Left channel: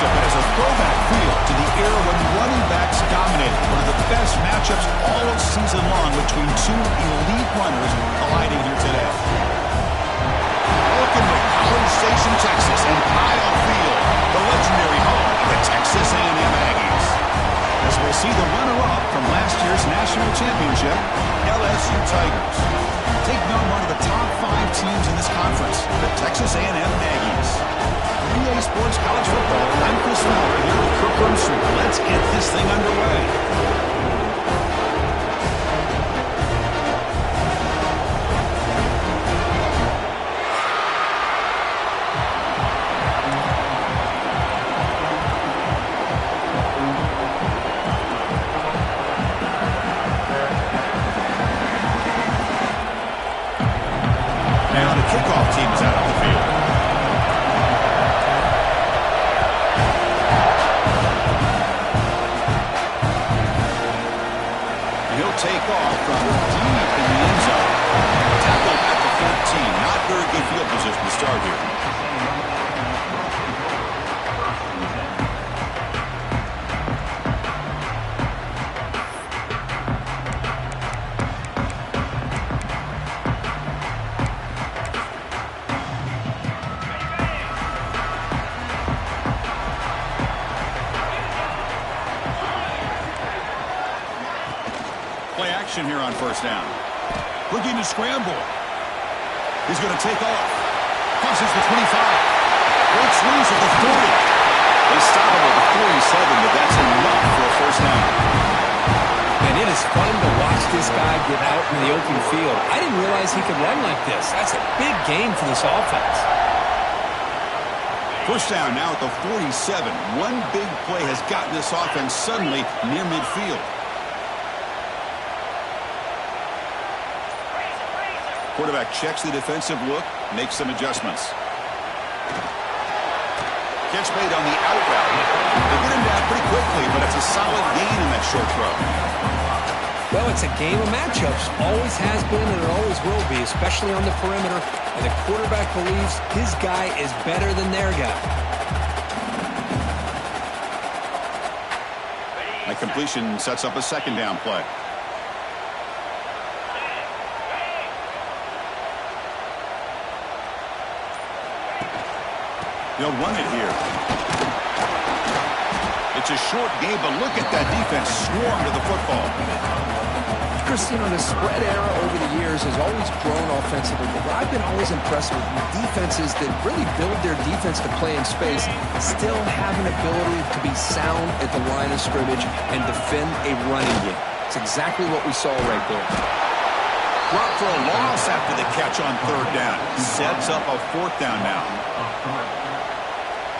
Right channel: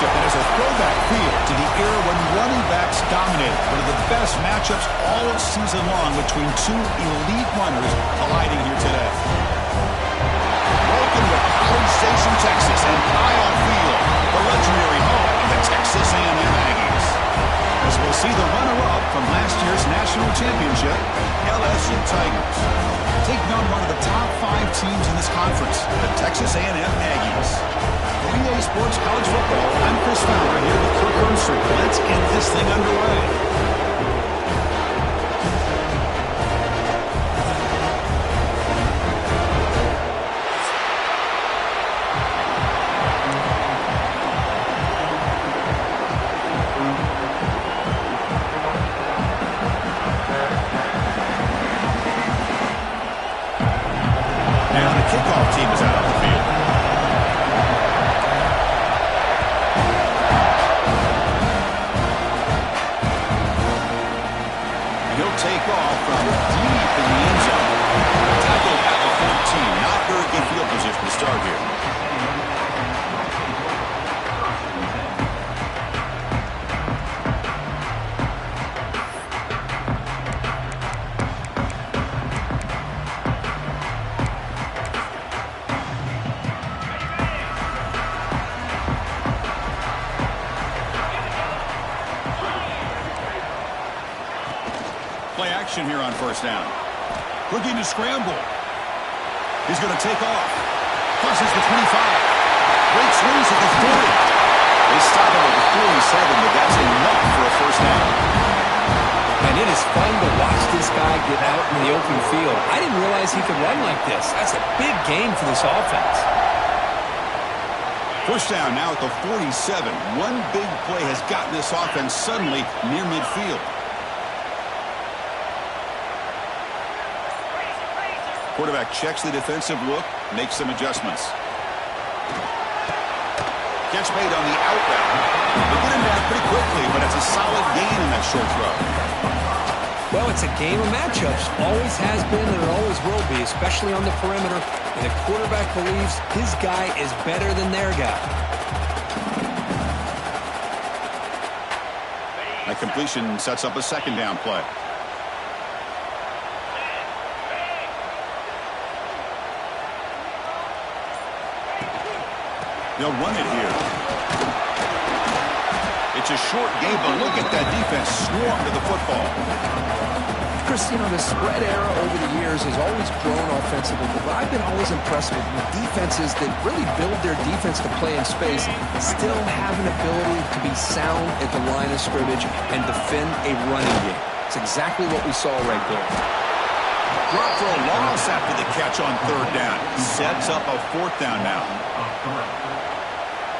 matchup that has a throwback feel to the era when running backs dominated. One of the best matchups all season long between two elite runners colliding here today. Welcome to College Station, Texas, and Kyle Field, the legendary home of the Texas A&M Aggies. As we'll see the runner-up from last year's national championship, LSU Tigers, taking on one of the top 5 teams in this conference, the Texas A&M Aggies. For EA Sports College Football, I'm Chris Fowler here with Kirk Rumstreet. Let's get this thing underway. Now the kickoff team is out on the field. He'll take off from deep in the end zone. Tackled at the 14. Not very good field position to start here. Play action here on first down. Looking to scramble. He's going to take off. Crosses the 25. Breaks loose at the 40. They stop him at the 47, but that's enough for a first down. And it is fun to watch this guy get out in the open field. I didn't realize he could run like this. That's a big gain for this offense. First down now at the 47. One big play has gotten this offense suddenly near midfield. Quarterback checks the defensive look, makes some adjustments. Catch made on the out route. They get him down pretty quickly, but it's a solid gain in that short throw. Well, it's a game of matchups. Always has been and it always will be, especially on the perimeter. And the quarterback believes his guy is better than their guy. That completion sets up a second down play. They'll run it here. It's a short game, but look at that defense swarm to the football. Chris, you know, the spread era over the years has always grown offensively, but what I've been always impressed with defenses that really build their defense to play in space still have an ability to be sound at the line of scrimmage and defend a running game. It's exactly what we saw right there. Drop for a loss after the catch on third down. Sets up a fourth down now.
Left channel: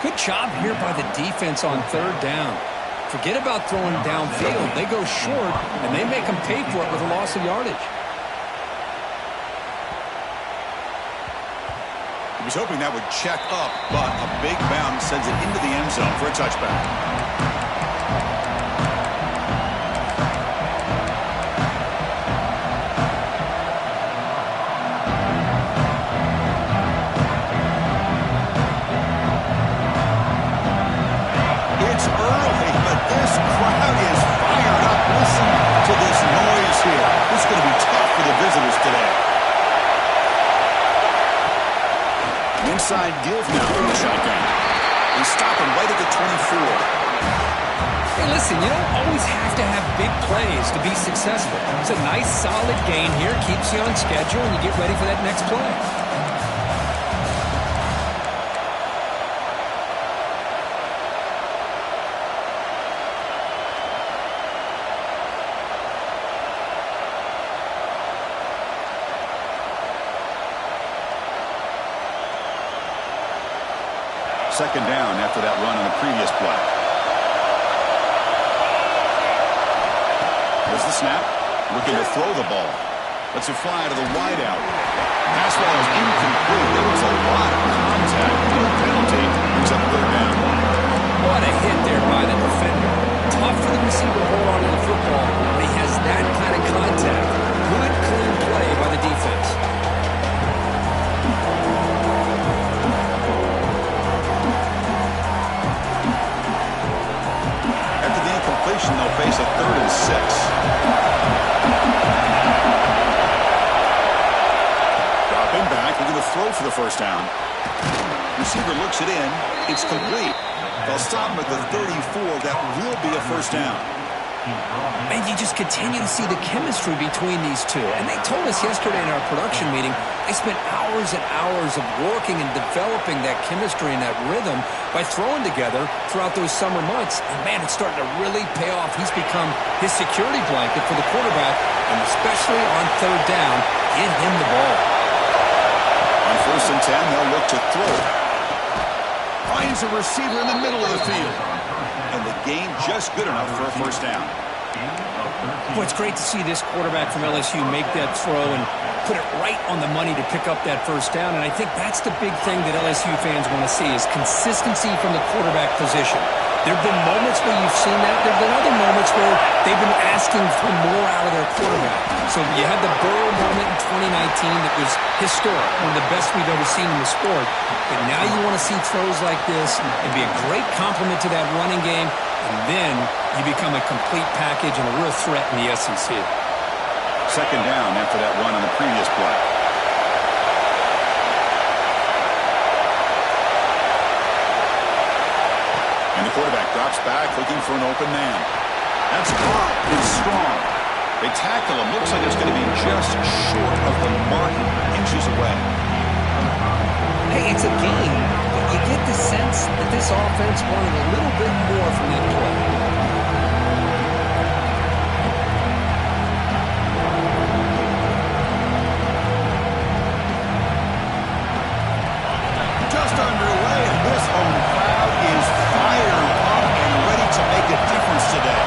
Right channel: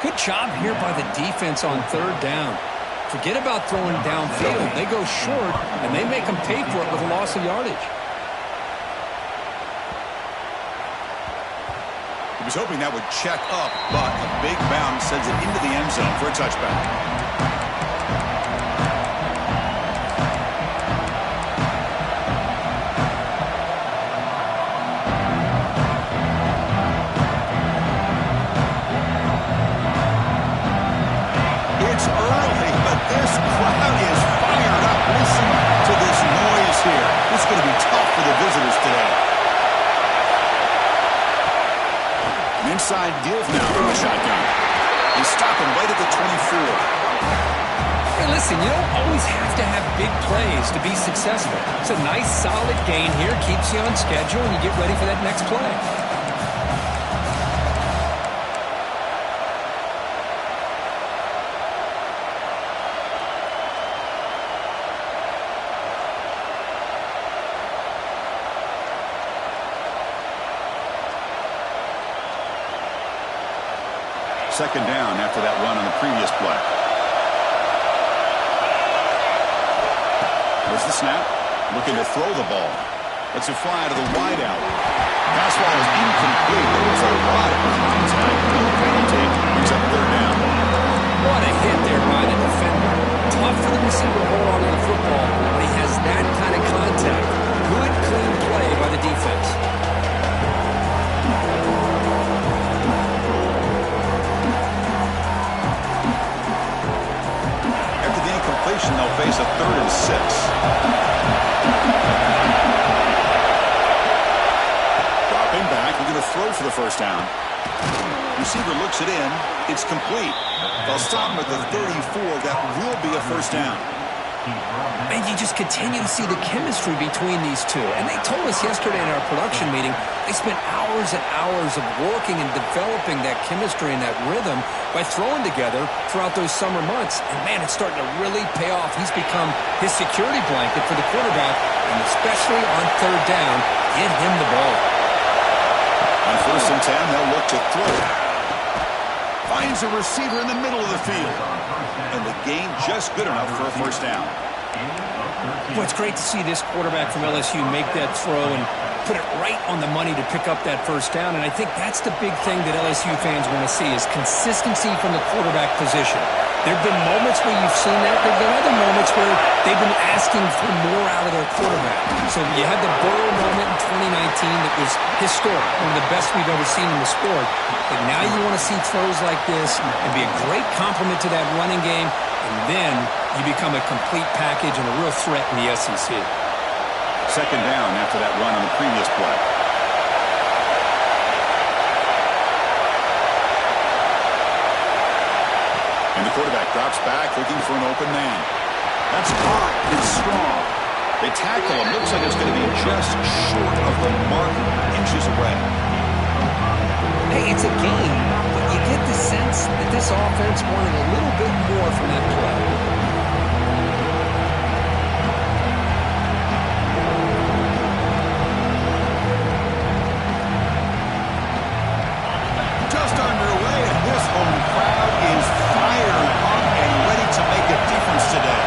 Good job here by the defense on third down. Forget about throwing downfield. They go short, and they make them pay for it with a loss of yardage. He was hoping that would check up, but a big bounce sends it into the end zone for a touchback. This crowd is fired up. Listen to this noise here. This is going to be tough for the visitors today. Inside give now from the shotgun. They stop him right at the 24. Hey, listen, you don't always have to have big plays to be successful. It's a nice, solid gain here. Keeps you on schedule, and you get ready for that next play. Second down after that run on the previous play. There's the snap. Looking to throw the ball. Lets it fly to the wideout. Pass ball is incomplete. There was a lot of contact. No penalty. Brings up third down. What a hit there by the defender. Tough for the receiver to hold on to the football when he has that kind of contact. Good, clean play by the defense. a 3rd and 6. Dropping back, looking to throw for the first down. Receiver looks it in. It's complete. They'll stop him at the 34. That will be a first down. And you just continue to see the chemistry between these two. And they told us yesterday in our production meeting, they spent hours and hours of working and developing that chemistry and that rhythm by throwing together throughout those summer months. And, man, it's starting to really pay off. He's become his security blanket for the quarterback, and especially on 3rd down, get him the ball. On 1st and 10, they'll look to throw. Finds a receiver in the middle of the field. And the gain just good enough for a first down. Well, it's great to see this quarterback from LSU make that throw and put it right on the money to pick up that first down. And I think that's the big thing that LSU fans want to see is consistency from the quarterback position. There have been moments where you've seen that. There have been other moments where they've been asking for more out of their quarterback. So you had the Burrow moment in 2019 that was historic, one of the best we've ever seen in the sport. But now you want to see throws like this and be a great complement to that running game, and then you become a complete package and a real threat in the SEC. 2nd down after that run on the previous play. And the quarterback drops back looking for an open man. That's caught. It's strong. They tackle him. Looks like it's going to be just short of the marker, inches away. Hey, it's a game, but you get the sense that this offense wanted a little bit more from that play. Just underway, and this home crowd is fired up and ready to make a difference today.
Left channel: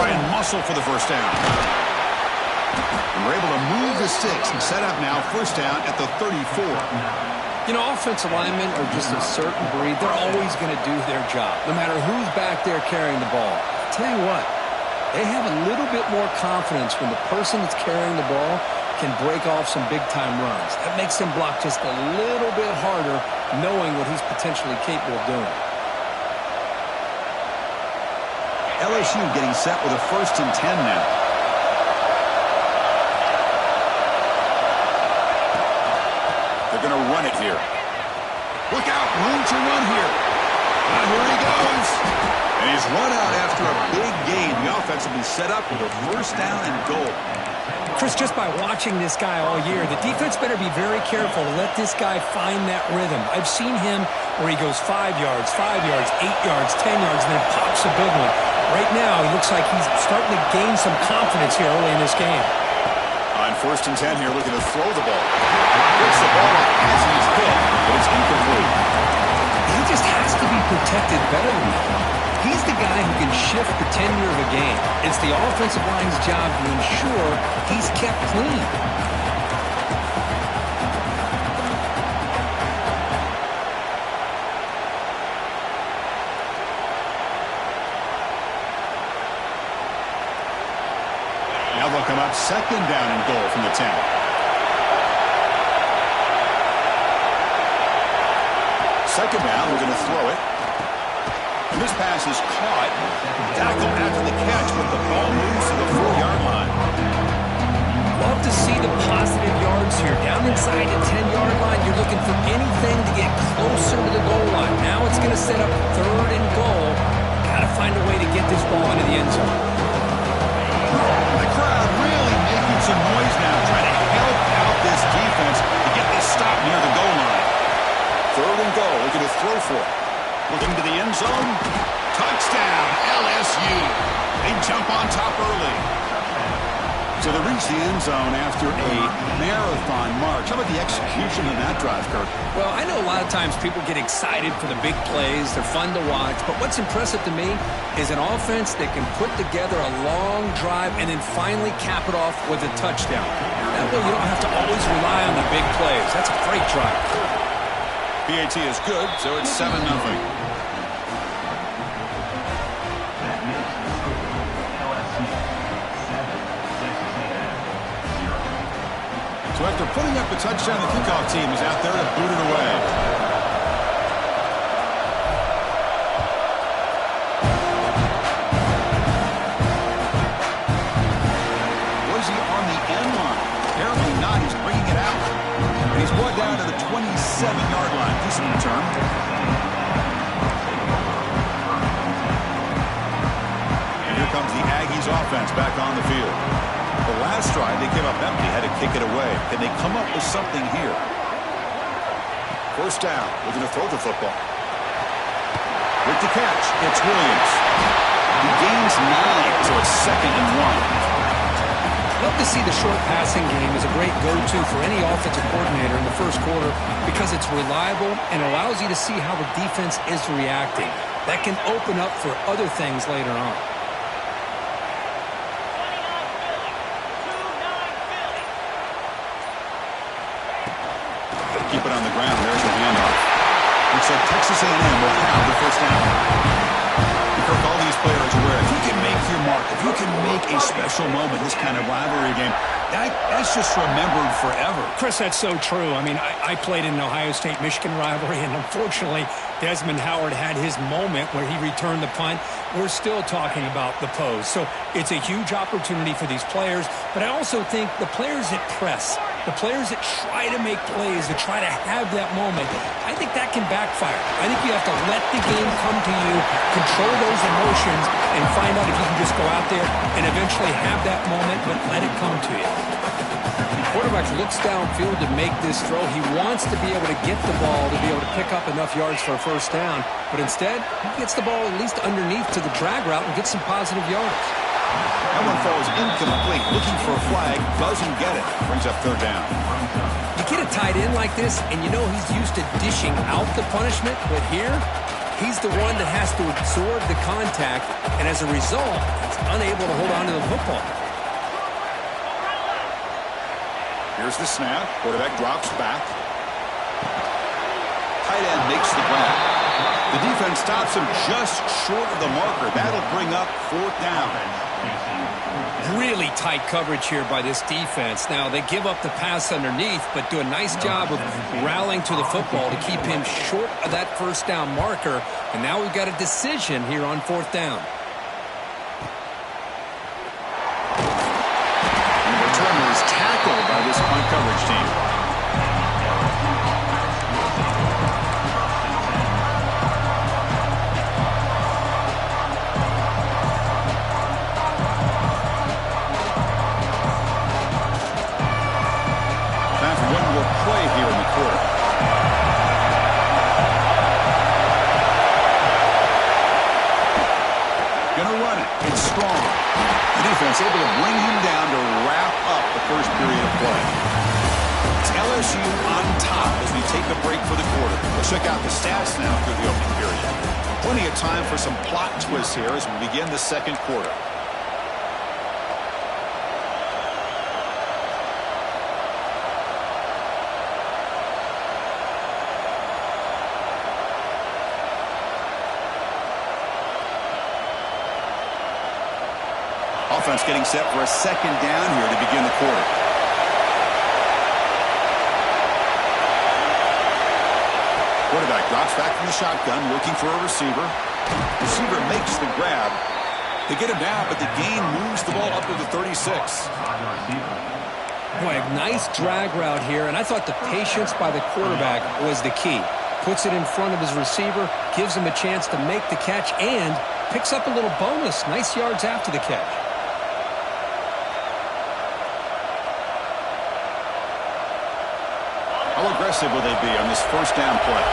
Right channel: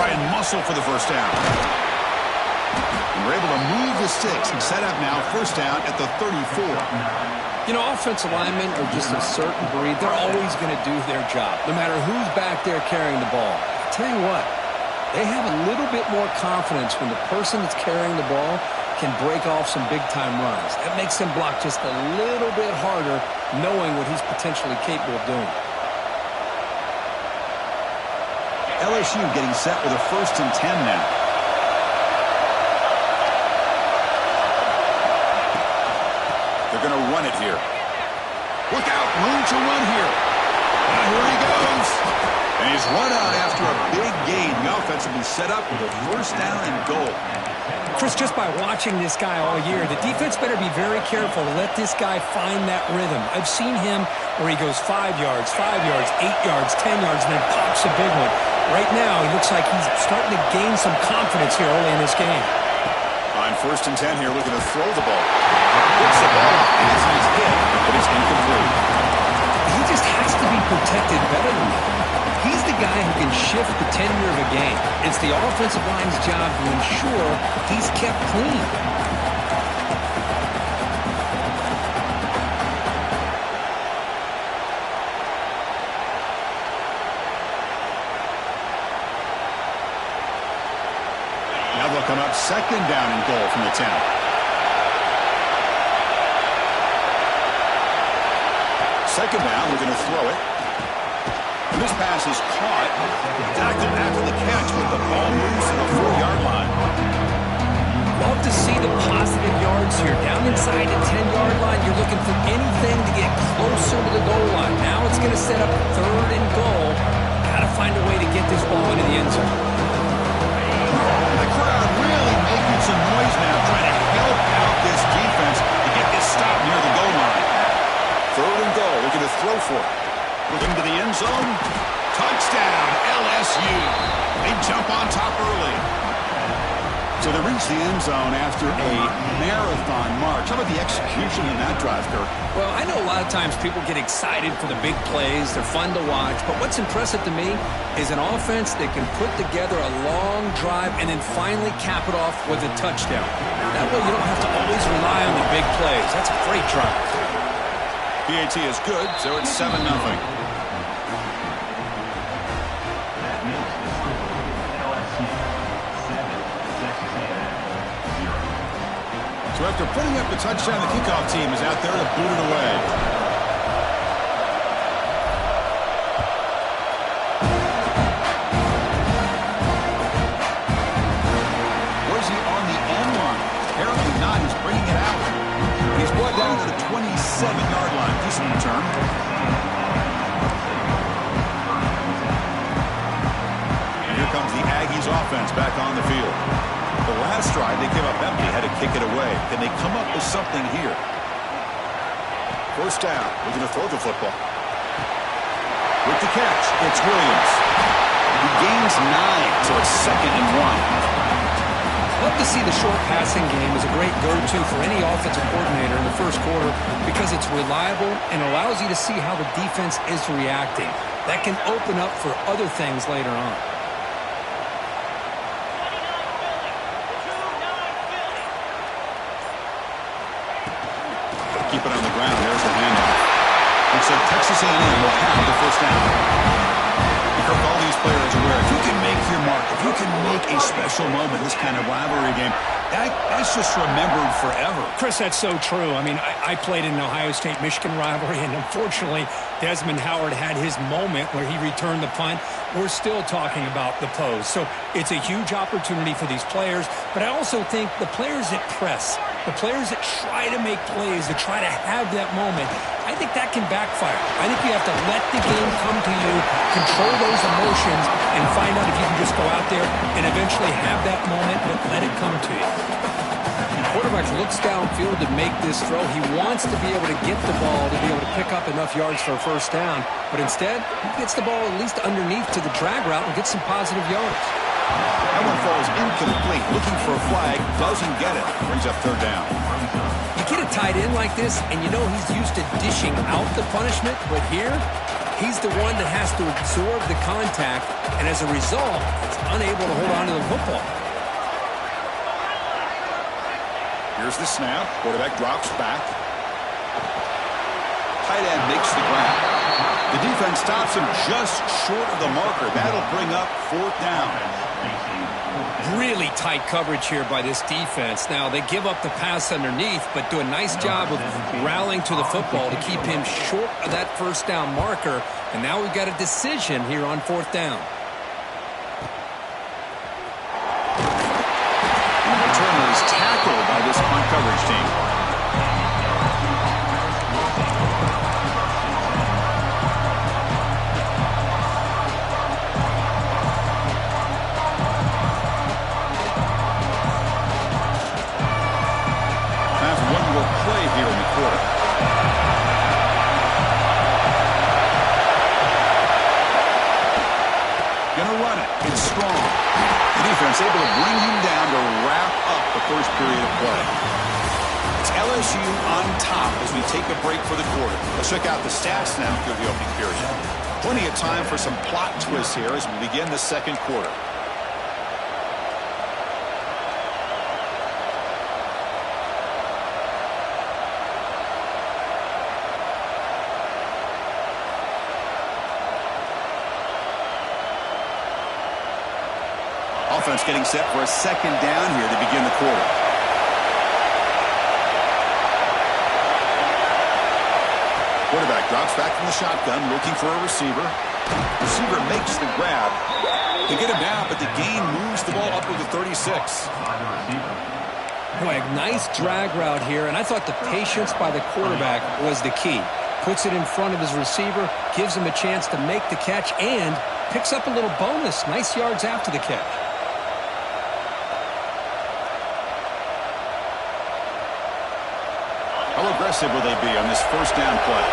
Try and muscle for the first down. And we're able to move the sticks and set up now 1st down at the 34. You know, offensive linemen are just a certain breed. They're always going to do their job, no matter who's back there carrying the ball. I'll tell you what, they have a little bit more confidence when the person that's carrying the ball can break off some big-time runs. That makes him block just a little bit harder, knowing what he's potentially capable of doing. LSU getting set with a 1st and 10 now. They're going to run it here. Look out, room to run here. Here he goes. And he's run out after a big gain. The offense will be set up with a 1st down and goal. Chris, just by watching this guy all year, the defense better be very careful to let this guy find that rhythm. I've seen him where he goes 5 yards, 8 yards, 10 yards, and then pops a big one. Right now, he looks like he's starting to gain some confidence here early in this game. On 1st and 10 here, looking to throw the ball. Gets the ball up as he's hit, but it's incomplete. He just has to be protected better than that. He's the guy who can shift the tenure of a game. It's the offensive line's job to ensure he's kept clean. Now they'll come up 2nd down and goal from the 10. Second down, we're going to throw it. And this pass is caught. Tackled after the catch, but the ball moves to the 4-yard line. Love to see the positive yards here. Down inside the 10-yard line, you're looking for anything to get closer to the goal line. Now it's going to set up 3rd and goal. Got to find a way to get this ball into the end zone. The crowd really making some noise now, trying to help out this defense to get this stop near the goal line. 3rd and goal, looking to throw for it. Looking to the end zone. Touchdown, LSU. They jump on top early. So they reach the end zone after a marathon march. How about the execution in that drive, Kirk? Well, I know a lot of times people get excited for the big plays. They're fun to watch. But what's impressive to me is an offense that can put together a long drive and then finally cap it off with a touchdown. That way you don't have to always rely on the big plays. That's a great drive. PAT is good, so it's 7-0. So after putting up the touchdown, the kickoff team is out there to boot it away. bringing it out. And he's brought down to the 27-yard line. Decent return. And here comes the Aggies offense back on the field. The last drive, they came up empty, had to kick it away. Can they come up with something here? First down, looking to throw the football. With the catch, it's Williams. He gains 9, so it's 2nd and 1. Love to see the short passing game as a great go-to for any offensive coordinator in the first quarter because it's reliable and allows you to see how the defense is reacting. That can open up for other things later on. Keep it on the ground. There's the handoff. Looks like Texas A&M will have the first down. Kirk, all these players aware, if you can make your mark, if you can make a special moment, this kind of rivalry game, that's just remembered forever. Chris, that's so true. I mean, I played in an Ohio State-Michigan rivalry, and unfortunately, Desmond Howard had his moment where he returned the punt. We're still talking about the pose. So it's a huge opportunity for these players, but I also think the players that press, the players that try to make plays, that try to have that moment, I think that can backfire. I think you have to let the game come to you, control those emotions, and find out if you can just go out there and eventually have that moment, but let it come to you. The quarterback looks downfield to make this throw. He wants to be able to get the ball to be able to pick up enough yards for a first down, but instead, he gets the ball at least underneath to the drag route and gets some positive yards. That one falls incomplete. Looking for a flag, doesn't get it. Brings up 3rd down. You get a tight end like this, and you know he's used to dishing out the punishment, but here, he's the one that has to absorb the contact, and as a result, he's unable to hold on to the football. Here's the snap. Quarterback drops back. Tight end makes the grab. The defense stops him just short of the marker. That'll bring up 4th down. Really tight coverage here by this defense. Now, they give up the pass underneath, but do a nice job of rallying to the football to keep him short of that first down marker. And now we've got a decision here on 4th down. And the returner is tackled by this punt coverage team. Play here in the quarter. Gonna run it. It's strong. The defense able to bring him down to wrap up the first period of play. It's LSU on top as we take a break for the quarter. Let's check out the stats now through the opening period. Plenty of time for some plot twists here as we begin the second quarter. Offense getting set for a 2nd down here to begin the quarter. Quarterback drops back from the shotgun, looking for a receiver. Receiver makes the grab. They get him down, but the gain moves the ball up to the 36. Boy, a nice drag route here, and I thought the patience by the quarterback was the key. Puts it in front of his receiver, gives him a chance to make the catch, and picks up a little bonus. Nice yards after the catch. How aggressive will they be on this first down play?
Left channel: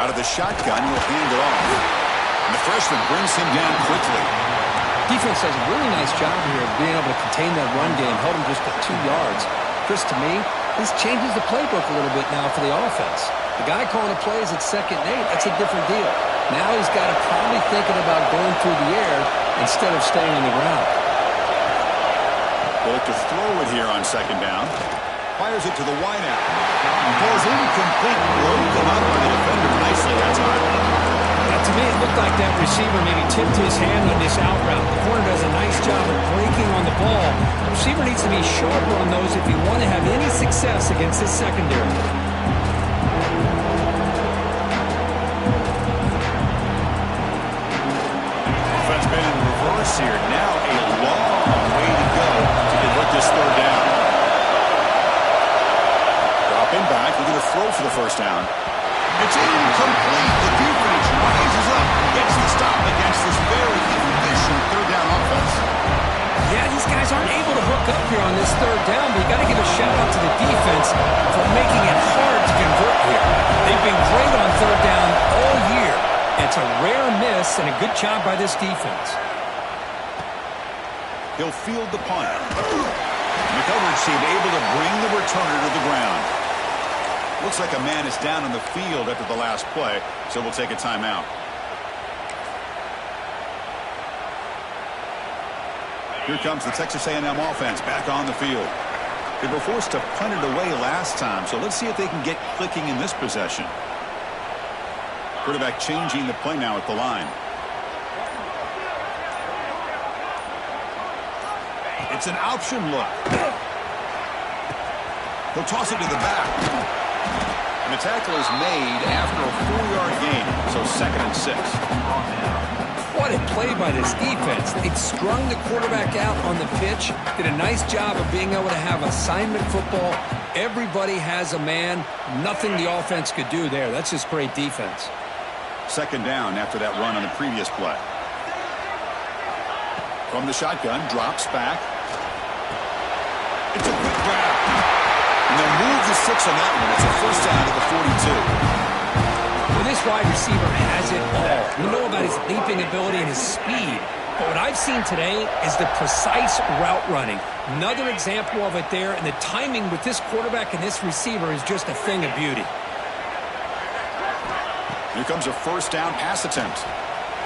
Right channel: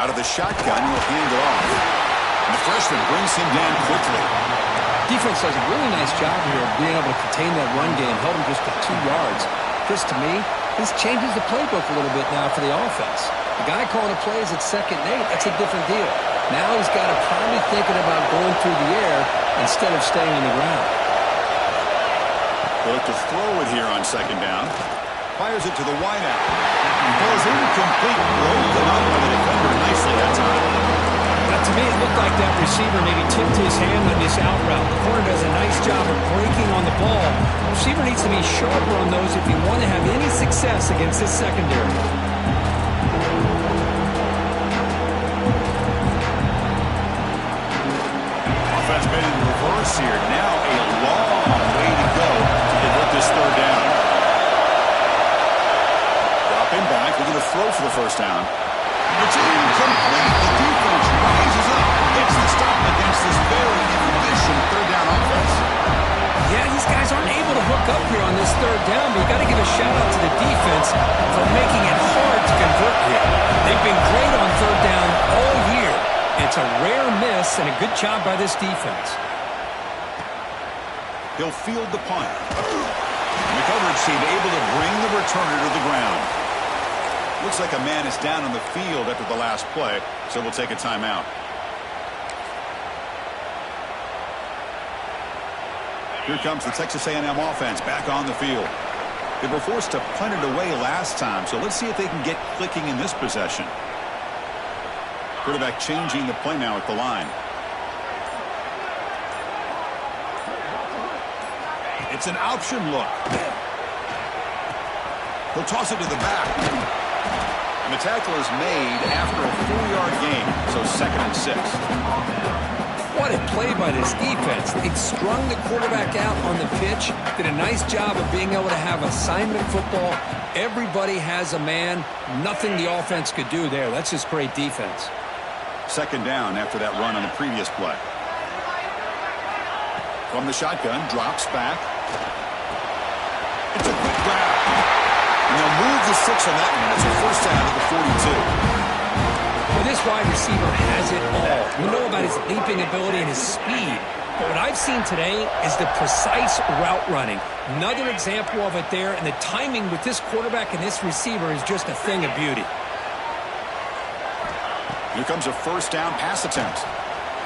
Out of the shotgun, he'll hand it off. And the freshman brings him down quickly. Defense does a really nice job here of being able to contain that run game, held him just to 2 yards. Chris, to me, this changes the playbook a little bit now for the offense. The guy calling the plays at 2nd and 8, that's a different deal. Now he's got to probably thinking about going through the air instead of staying on the ground. They'll look to throw it here on 2nd down. Fires it to the wideout. Falls incomplete. Broken up by the defender nicely that time. To me, it looked like that receiver maybe tipped his hand on this out route. The corner does a nice job of breaking on the ball. The receiver needs to be sharper on those if you want to have any success against this secondary. Offense been in reverse course here. Now a long way to go to convert this third down. Dropping back, looking to throw for the first down. It's incomplete. The defense rises up and gets the stop against this very efficient third down offense. Yeah, these guys aren't able to hook up here on this third down, but you got to give a shout out to the defense for making it hard to convert here. They've been great on third down all year. It's a rare miss and a good job by this defense. He'll field the punt. And the coverage team able to bring the returner to the ground. Looks like a man is down on the field after the last play, so we'll take a timeout. Here comes the Texas A&M offense back on the field. They were forced to punt it away last time, so let's see if they can get clicking in this possession. Quarterback changing the play now at the line. It's an option look. He'll toss it to the back. And the tackle is made after a 4-yard gain, so 2nd and 6. What a play by this defense. They strung the quarterback out on the pitch, did a nice job of being able to have assignment football. Everybody has a man. Nothing the offense could do there. That's just great defense. 2nd down after that run on the previous play. From the shotgun, drops back. It's a quick grab. And they'll move the 6 on that one. It's a first down at the 42. Well, this wide receiver has it all. We know about his leaping ability and his speed. But what I've seen today is the precise route running. Another example of it there. And the timing with this quarterback and this receiver is just a thing of beauty. Here comes a first down pass attempt.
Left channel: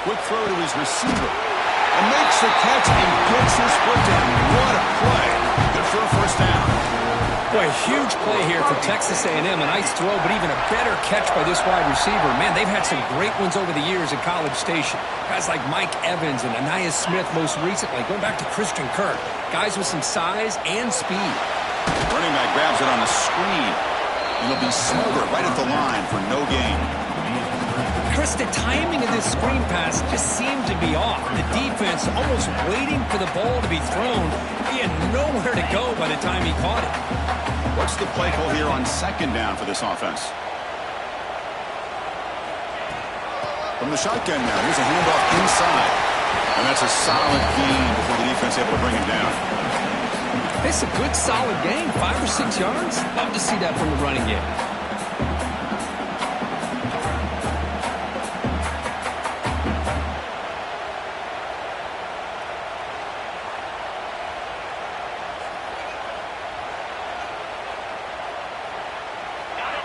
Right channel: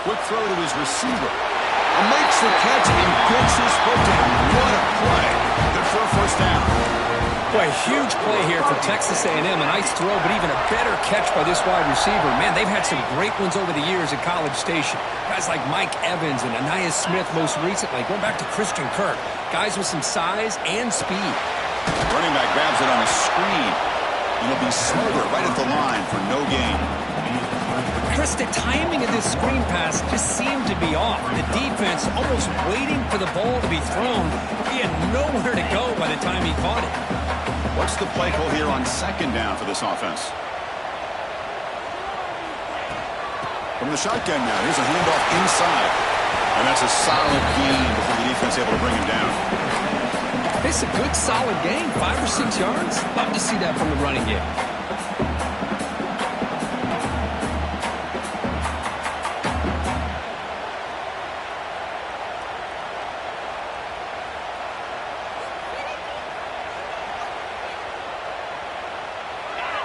Quick throw to his receiver. And makes the catch and gets his foot down. What a play. Good for a first down. Boy, a huge play here for Texas A&M. A nice throw, but even a better catch by this wide receiver. Man, they've had some great ones over the years at College Station. Guys like Mike Evans and Anais Smith most recently. Going back to Christian Kirk. Guys with some size and speed. Running back grabs it on a screen. And he'll be smothered right at the line for no gain. Chris, the timing of this screen pass just seemed to be off. The defense almost waiting for the ball to be thrown. He had nowhere to go by the time he caught it. What's the play call here on 2nd down for this offense? From the shotgun now, here's a handoff inside. And that's a solid gain before the defense able to bring him down. It's a good, solid gain, 5 or 6 yards. Love to see that from the running game.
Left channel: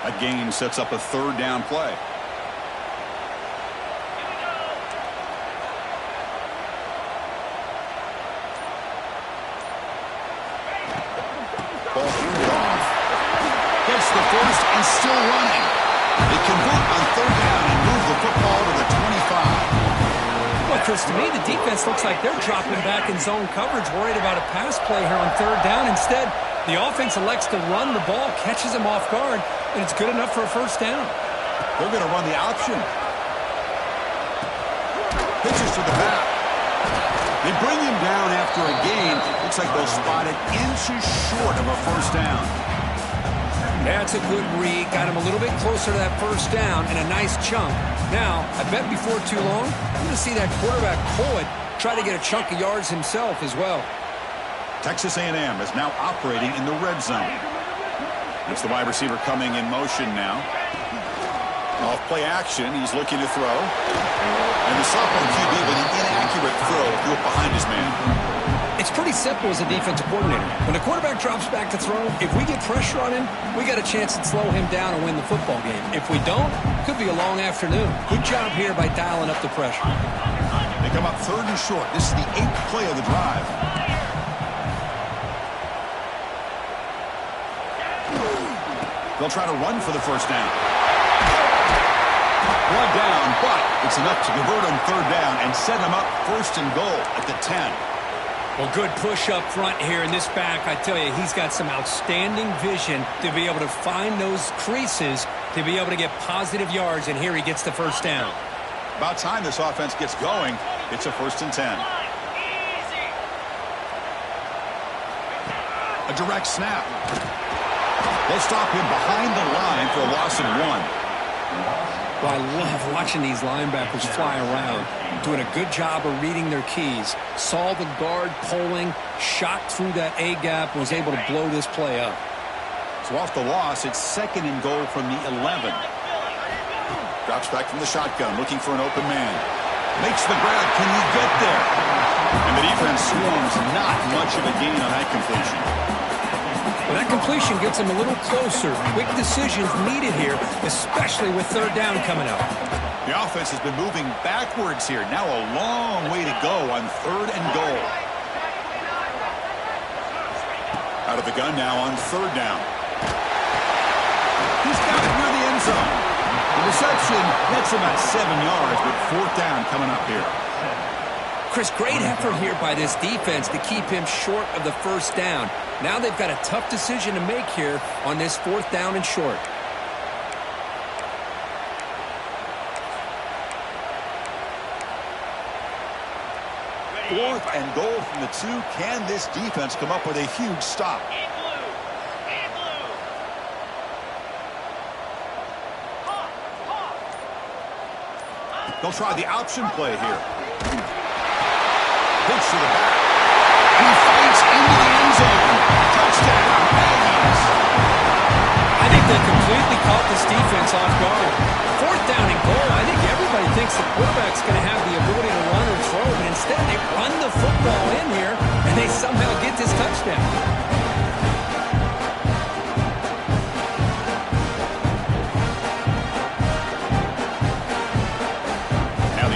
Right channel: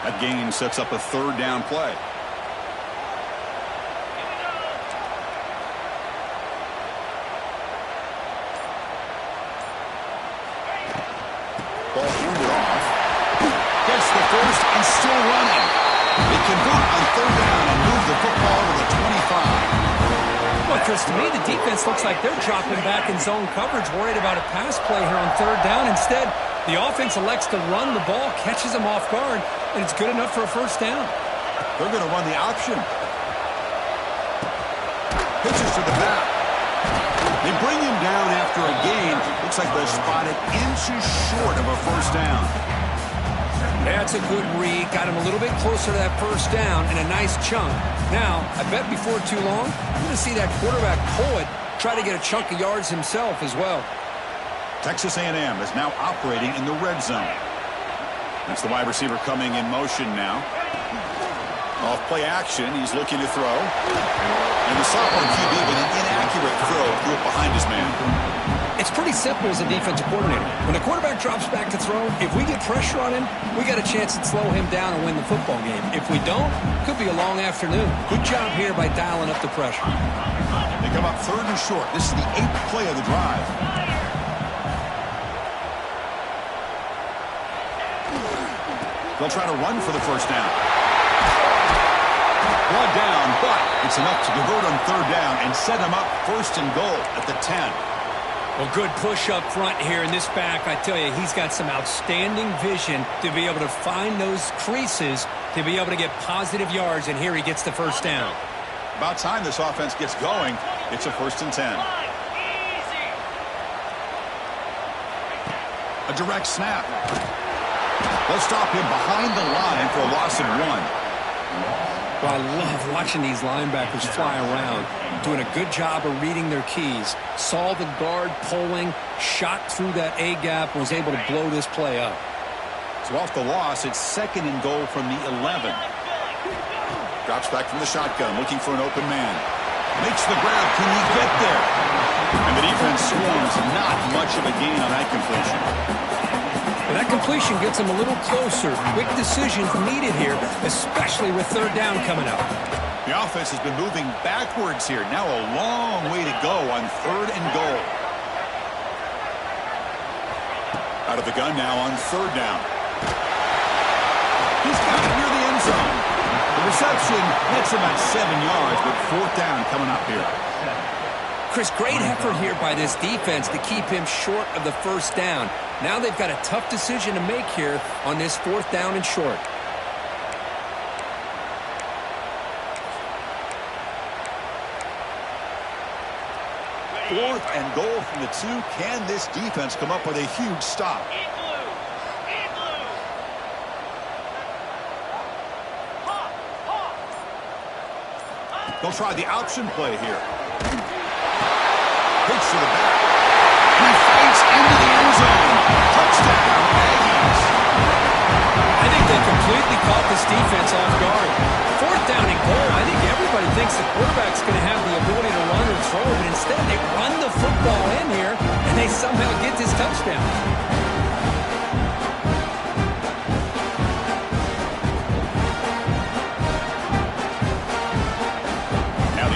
That gain sets up a 3rd down play. Ball handed off. Gets the first and still running. They convert on 3rd down and move the football to the 25. Well, Chris, to me, the defense looks like they're dropping back in zone coverage, worried about a pass play here on 3rd down. Instead, the offense elects to run the ball, catches them off guard, and it's good enough for a first down. They're going to run the option. Pitches to the back. They bring him down after a gain. Looks like they'll spot it inches short of a first down. That's a good read. Got him a little bit closer to that first down and a nice chunk. Now, I bet before too long, we're going to see that quarterback pull it, try to get a chunk of yards himself as well. Texas A&M is now operating in the red zone. That's the wide receiver coming in motion now. Off play action, he's looking to throw. And the sophomore QB with an inaccurate throw threw it behind his man. It's pretty simple as a defensive coordinator. When the quarterback drops back to throw, if we get pressure on him, we got a chance to slow him down and win the football game. If we don't, could be a long afternoon. Good job here by dialing up the pressure. They come up 3rd and short. This is the 8th play of the drive. They'll try to run for the first down. Brought down, but it's enough to convert on 3rd down and set them up 1st and goal at the 10. Well, good push up front here in this back. I tell you, he's got some outstanding vision to be able to find those creases, to be able to get positive yards, and here he gets the first down. About time this offense gets going. It's a 1st and 10. A direct snap. They'll stop him behind the line for a loss of 1. Well, I love watching these linebackers fly around, doing a good job of reading their keys. Saw the guard pulling, shot through that A-gap, was able to blow this play up. So off the loss, it's 2nd and goal from the 11. Drops back from the shotgun, looking for an open man. Makes the grab. Can he get there? And the defense swarms. Not much of a gain on that completion. Well, that completion gets him a little closer. Quick decisions needed here, especially with 3rd down coming up. The offense has been moving backwards here. Now a long way to go on 3rd and goal. Out of the gun now on 3rd down. He's got it near the end zone. The reception nets about 7 yards, but 4th down coming up here. Chris, great effort here by this defense to keep him short of the 1st down. Now they've got a tough decision to make here on this 4th down and short. Fourth and goal from the 2. Can this defense come up with a huge stop? They'll try the option play here. Pitch to the back. He fights into the end zone. Touchdown, Aggies. I think they completely caught this defense off guard. 4th down and goal. I think everybody thinks the quarterback's going to have the ability to run or throw, but instead they run the football in here, and they somehow get this touchdown.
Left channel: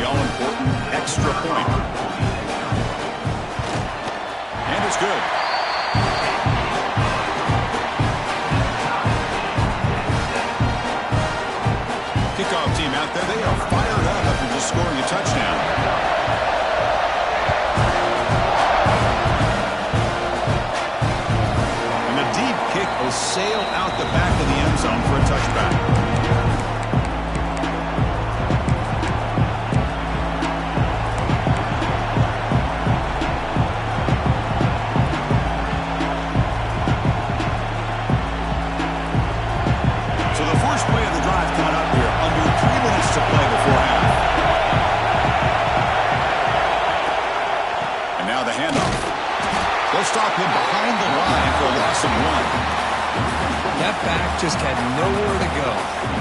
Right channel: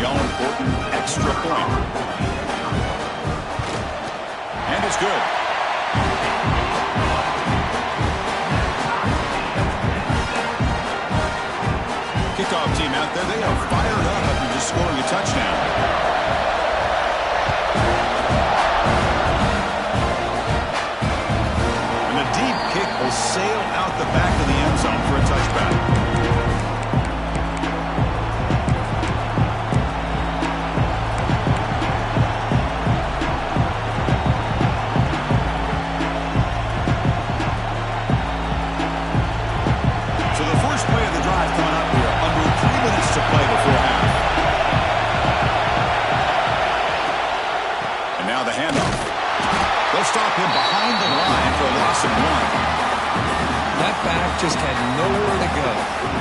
All-important extra point. And it's good. Kickoff team out there, they are fired up after just scoring a touchdown. And the deep kick will sail out the back of the end zone for a touchback. To play before half. And now the handoff. They'll stop him behind the line for a loss of 1. That back just had nowhere to go.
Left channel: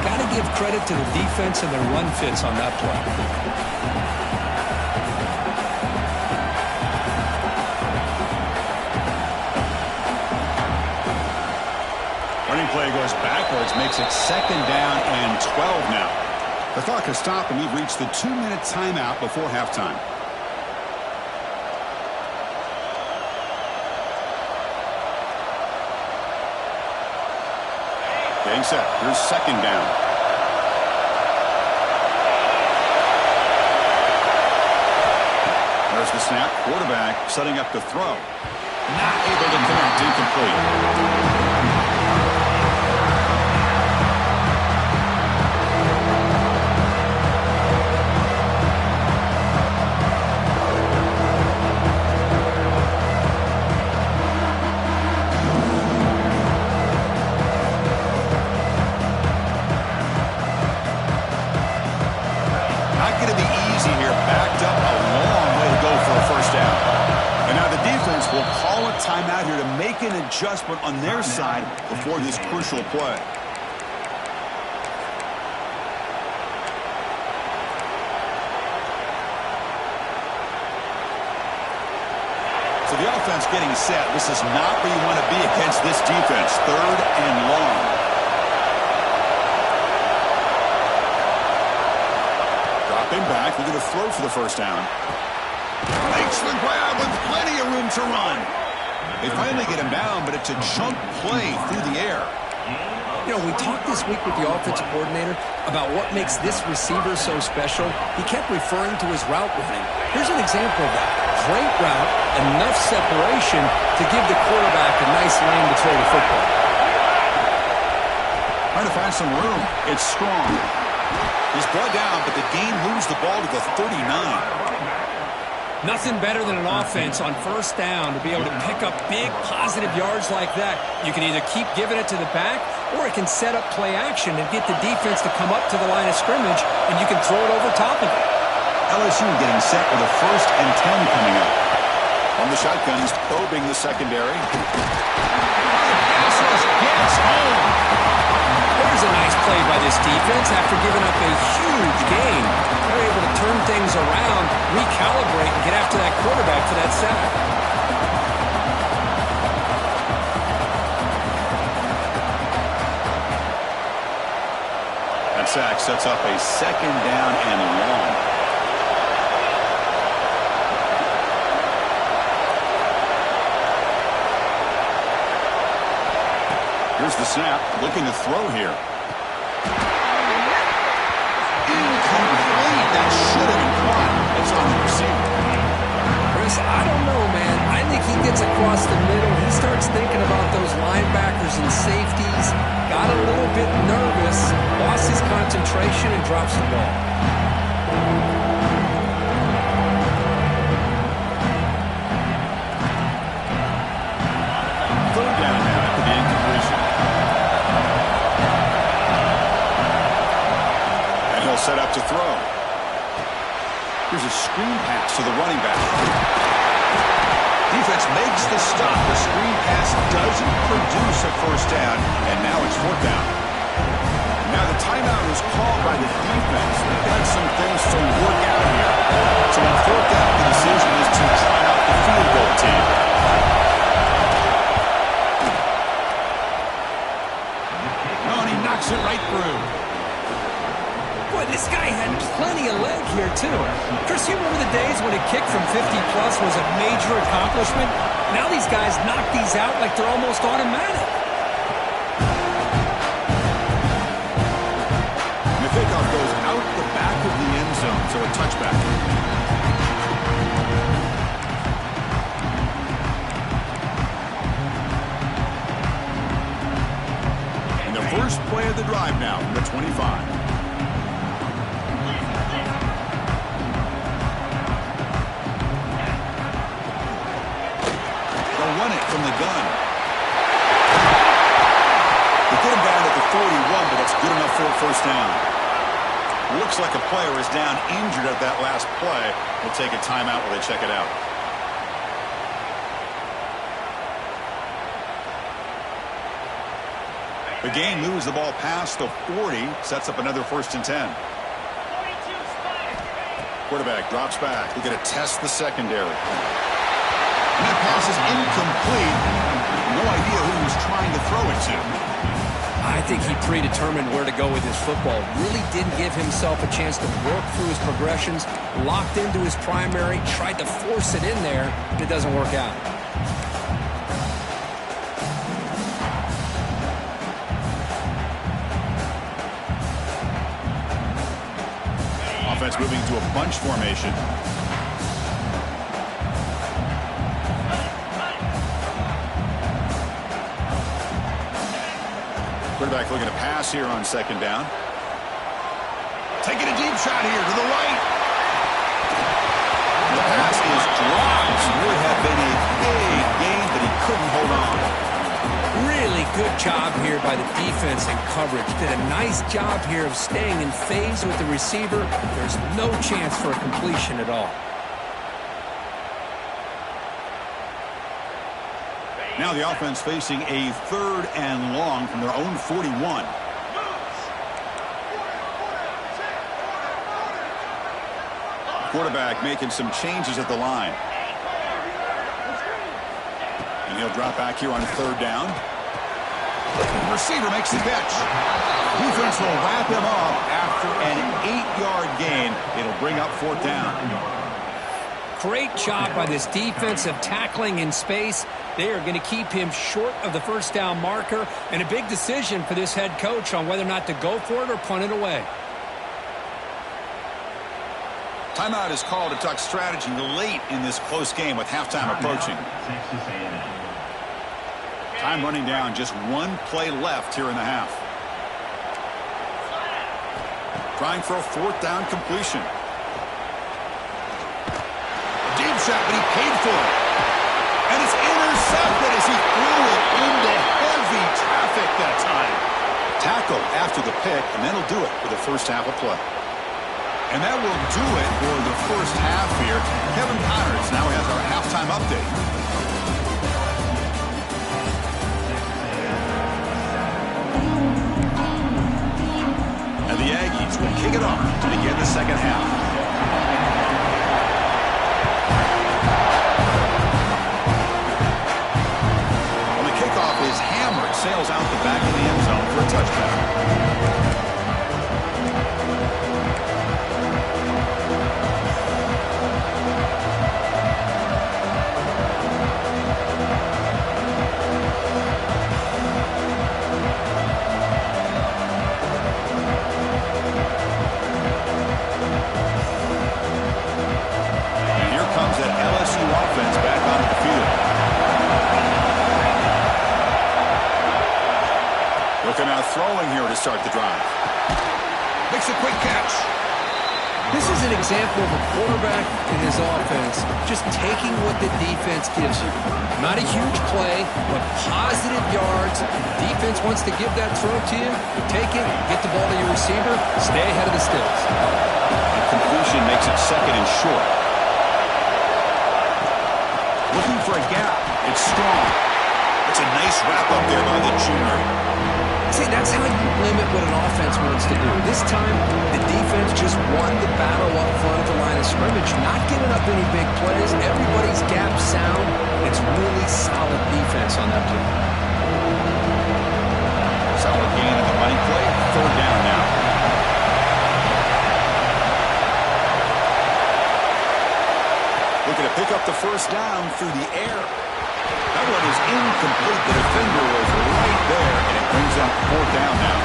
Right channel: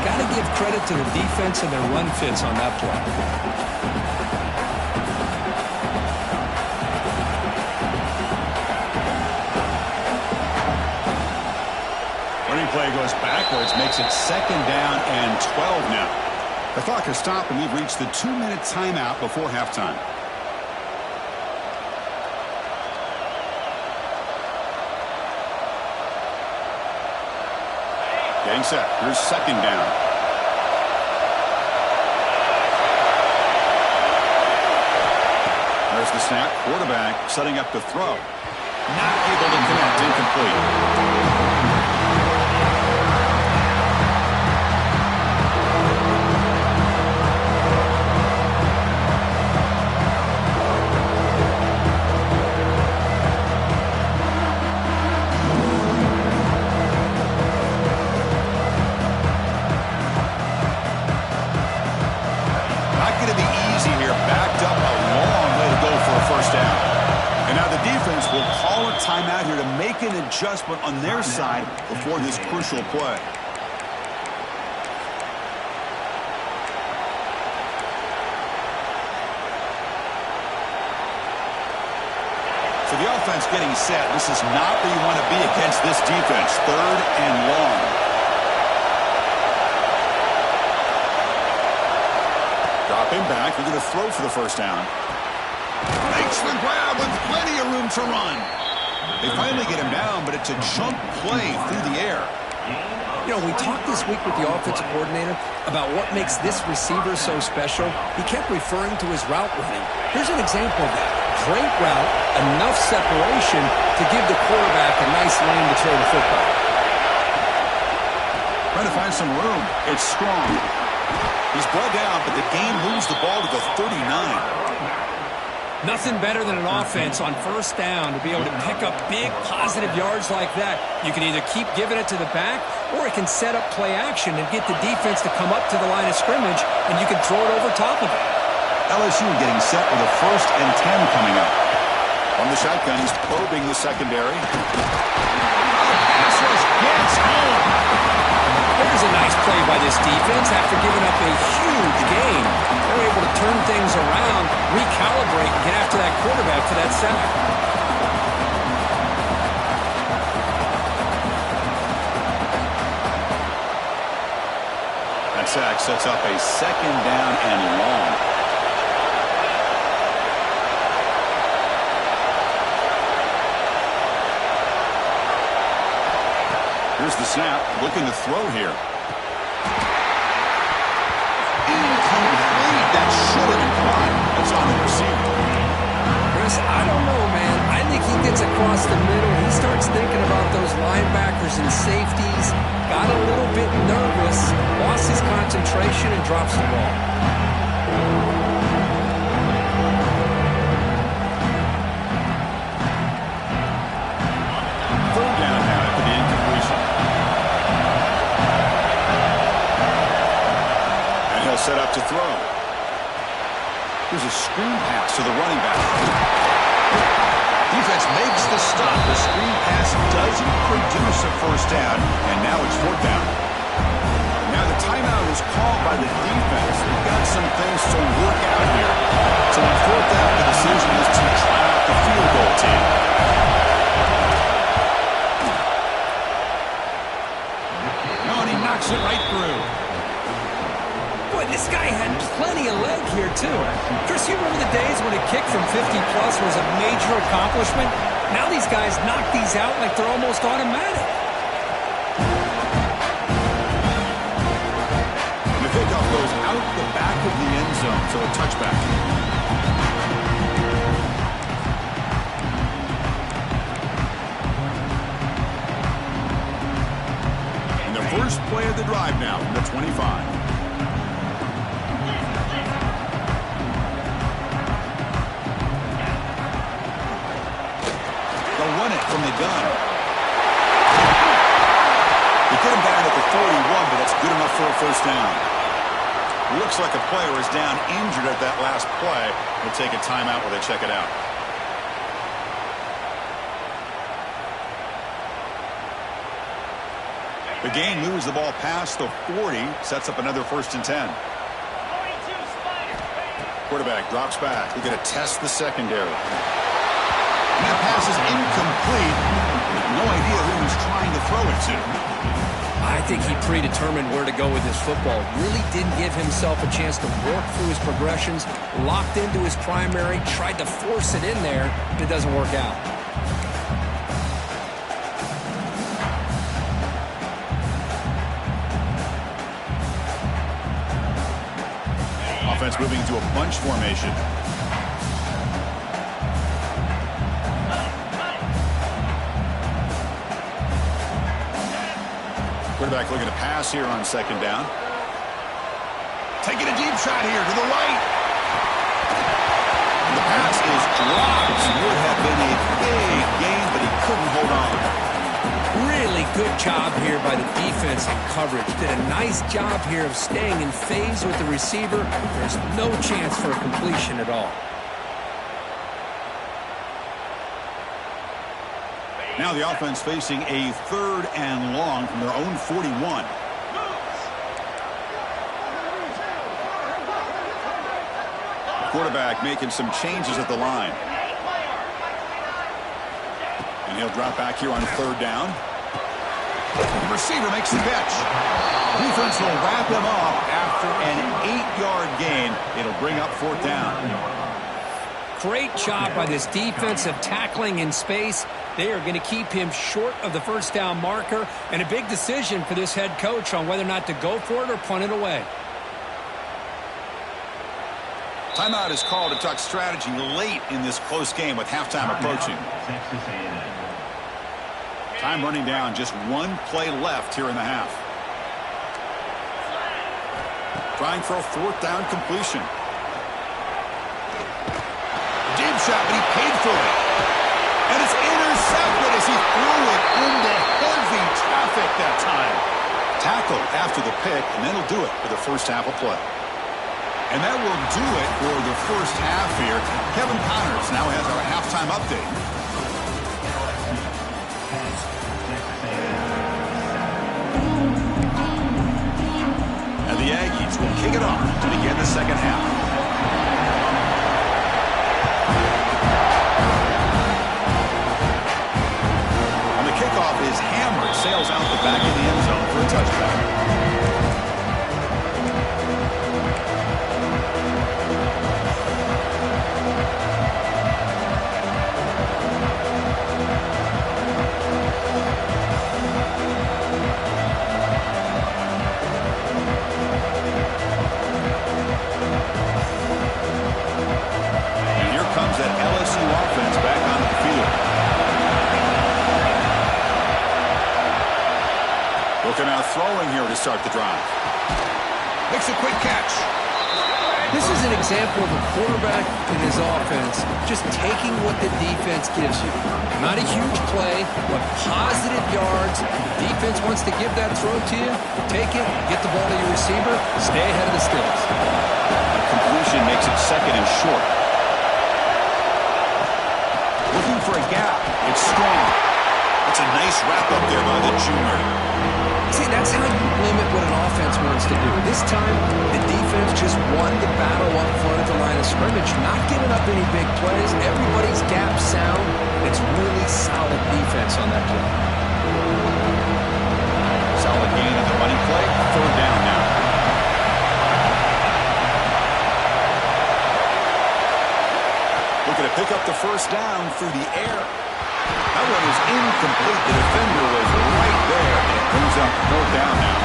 Got to give credit to the defense and their run fits on that play. Running play goes backwards, makes it 2nd down and 12 now. The clock has stopped, and we've reached the 2-minute timeout before halftime. Getting set. Here's 2nd down. There's the snap. Quarterback setting up to throw. Not able to connect. Incomplete. Will call a timeout here to make an adjustment on their side before this crucial play. So the offense getting set. This is not where you want to be against this defense. 3rd and long. Dropping back. We're going to throw for the 1st down. Makes the grab with plenty of room to run. They finally get him down, but it's a chunk play through the air. You know, we talked this week with the offensive coordinator about what makes this receiver so special. He kept referring to his route running. Here's an example of that. Great route, enough separation to give the quarterback a nice lane to throw the football. Trying to find some room. It's strong. He's brought down, but the game moves the ball to the 39. Nothing better than an offense on first down to be able to pick up big positive yards like that. You can either keep giving it to the back, or it can set up play action and get the defense to come up to the line of scrimmage, and you can throw it over top of it. LSU getting set with a 1st and 10 coming up. From the shotgun, he's probing the secondary. The pass rush gets home. There's a nice play by this defense after giving up a huge gain. They're able to turn things around, recalibrate, and get after that quarterback for that sack. That sack sets up a 2nd down and long. Here's the snap, looking to throw here. Incomplete. That should have been caught. That's on the receiver. Chris, I don't know, man. I think he gets across the middle. He starts thinking about those linebackers and safeties. Got a little bit nervous, lost his concentration, and drops the ball. Third down now after the incompletion. And he'll set up to throw. Here's a screen pass to the running back. Defense makes the stop. The screen pass doesn't produce a 1st down, and now it's 4th down. Now the timeout is called by the defense. They've got some things to work out here. So on 4th down, the decision is to try out the field goal team. No, and he knocks it right through. Boy, this guy had plenty of leg here, too. Chris, you remember the days when a kick from 50-plus was a major accomplishment? Now these guys knock these out like they're almost automatic. And the kickoff goes out the back of the end zone, so a touchback. And the first play of the drive now from the 25. Run it from the gun. They get him down at the 41, but that's good enough for a 1st down. Looks like a player is down injured at that last play. We'll take a timeout while they check it out. The gain moves the ball past the 40, sets up another 1st and 10. Quarterback drops back. They're going to test the secondary. And that pass is incomplete. No idea who he's trying to throw it to. I think he predetermined where to go with his football. Really didn't give himself a chance to work through his progressions. Locked into his primary, tried to force it in there, but it doesn't work out. Offense moving to a bunch formation. Quarterback looking to pass here on 2nd down. Taking a deep shot here to the right. The pass is dropped. Would have been a big gain, but he couldn't hold on. Really good job here by the defense and coverage. Did a nice job here of staying in phase with the receiver. There's no chance for a completion at all. Now the offense facing a 3rd and long from their own 41. Quarterback making some changes at the line. And he'll drop back here on 3rd down. The receiver makes the catch. Defense will wrap him up after an 8-yard gain. It'll bring up 4th down. Great job by this defensive tackling in space. They are going to keep him short of the 1st down marker, and a big decision for this head coach on whether or not to go for it or punt it away. Timeout is called to talk strategy late in this close game with halftime approaching. Time running down, just 1 play left here in the half. Trying for a 4th down completion. Deep shot, but he paid for it. And it's intercepted as he threw it into heavy traffic that time. Tackle after the pick, and that'll do it for the first half of play. And that will do it for the first half here. Kevin Connors now has our halftime update. And the Aggies will kick it off to begin the second half. Kickoff is hammered, sails out the back of the end zone for a touchback. And here comes that LSU offense back onto the field. Looking out throwing here to start the drive. Makes a quick catch. This is an example of a quarterback and his offense just taking what the defense gives you. Not a huge play, but positive yards. The defense wants to give that throw to you. Take it, get the ball to your receiver, stay ahead of the sticks. A completion makes it second and short. Looking for a gap. It's strong. It's a nice wrap up there by the junior. See, that's how you limit what an offense wants to do. This time, the defense just won the battle up front at the line of scrimmage, not giving up any big plays. Everybody's gap sound. It's really solid defense on that play. Solid gain on the running play. Third down now. Looking to pick up the first down through the air. That one is incomplete. The defender was right there, and it brings up fourth down now.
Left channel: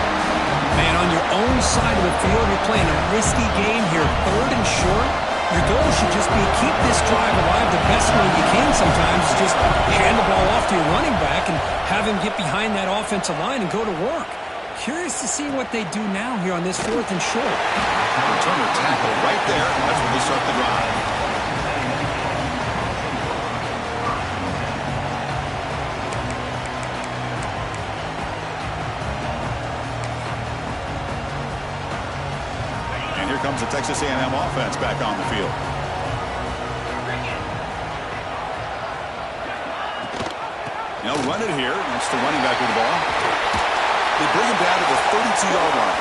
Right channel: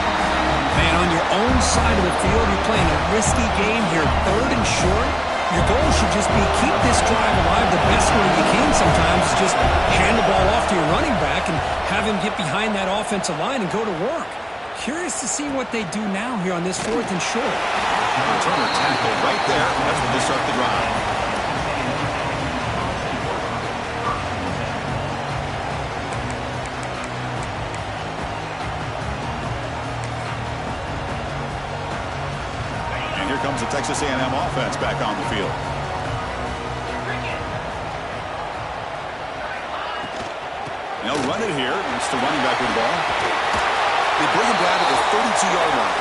Man, on your own side of the field, you're playing a risky game here. Third and short. Your goal should just be keep this drive alive the best way you can sometimes. Just hand the ball off to your running back and have him get behind that offensive line and go to work. Curious to see what they do now here on this fourth and short. Returner tackle right there. That's when they start the drive. Here comes the Texas A&M offense back on the field. They'll run it here. That's the running back with the ball. They bring him down to the 32-yard line.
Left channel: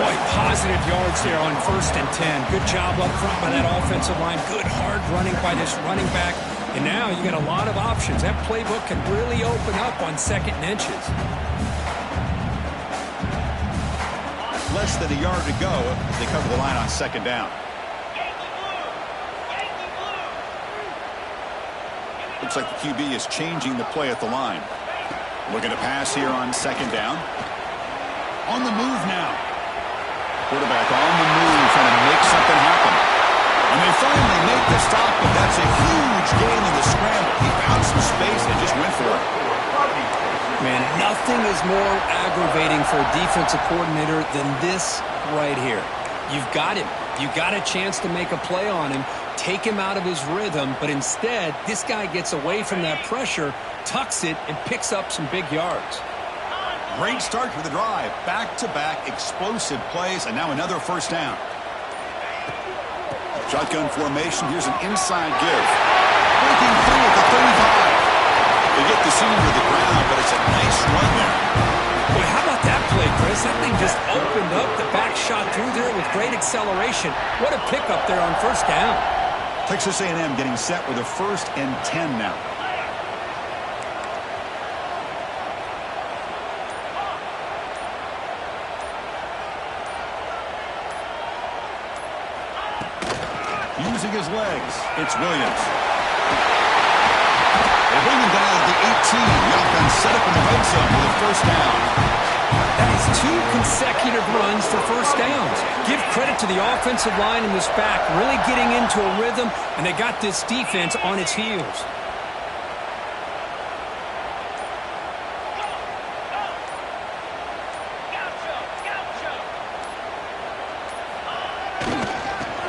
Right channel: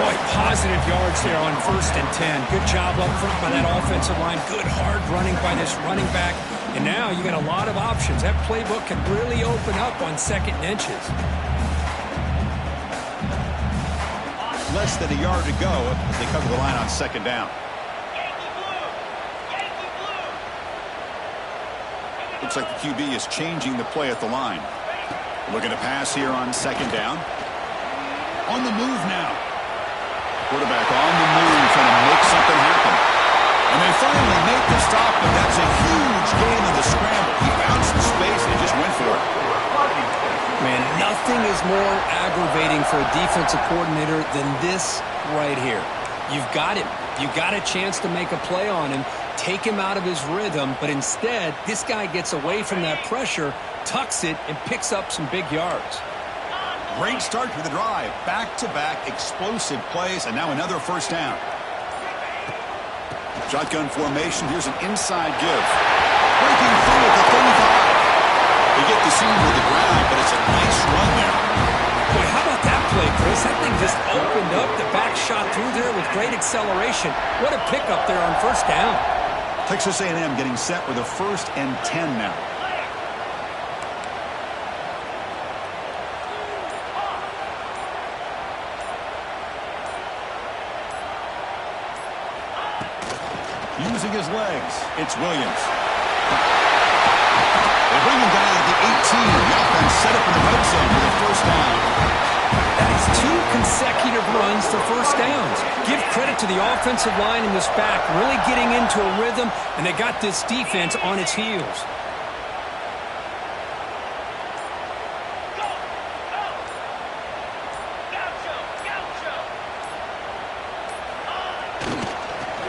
Boy, positive yards there on 1st and 10. Good job up front by that offensive line. Good hard running by this running back. And now you got a lot of options. That playbook can really open up on 2nd and inches. Less than a yard to go as they cover the line on 2nd down. Looks like the QB is changing the play at the line. Looking to pass here on 2nd down. On the move now. Quarterback on the move, trying to make something happen. And they finally make the stop, but that's a huge gain in the scramble. He found some space and just went for it. Man, nothing is more aggravating for a defensive coordinator than this right here. You've got him. You've got a chance to make a play on him, take him out of his rhythm, but instead, this guy gets away from that pressure, tucks it, and picks up some big yards. Great start to the drive. Back-to-back explosive plays, and now another first down. Shotgun formation. Here's an inside give. Breaking free at the 35. They get the senior to the ground, but it's a nice run there. Boy, how about that play, Chris? That thing just opened up. The back shot through there with great acceleration. What a pickup there on 1st down. Texas A&M getting set with a 1st and 10 now. Using his legs, it's Williams. They bring him down at the 18. The offense set up in the red zone with a 1st down. That is 2 consecutive runs for 1st downs. Give credit to the offensive line in this back, really getting into a rhythm, and they got this defense on its heels.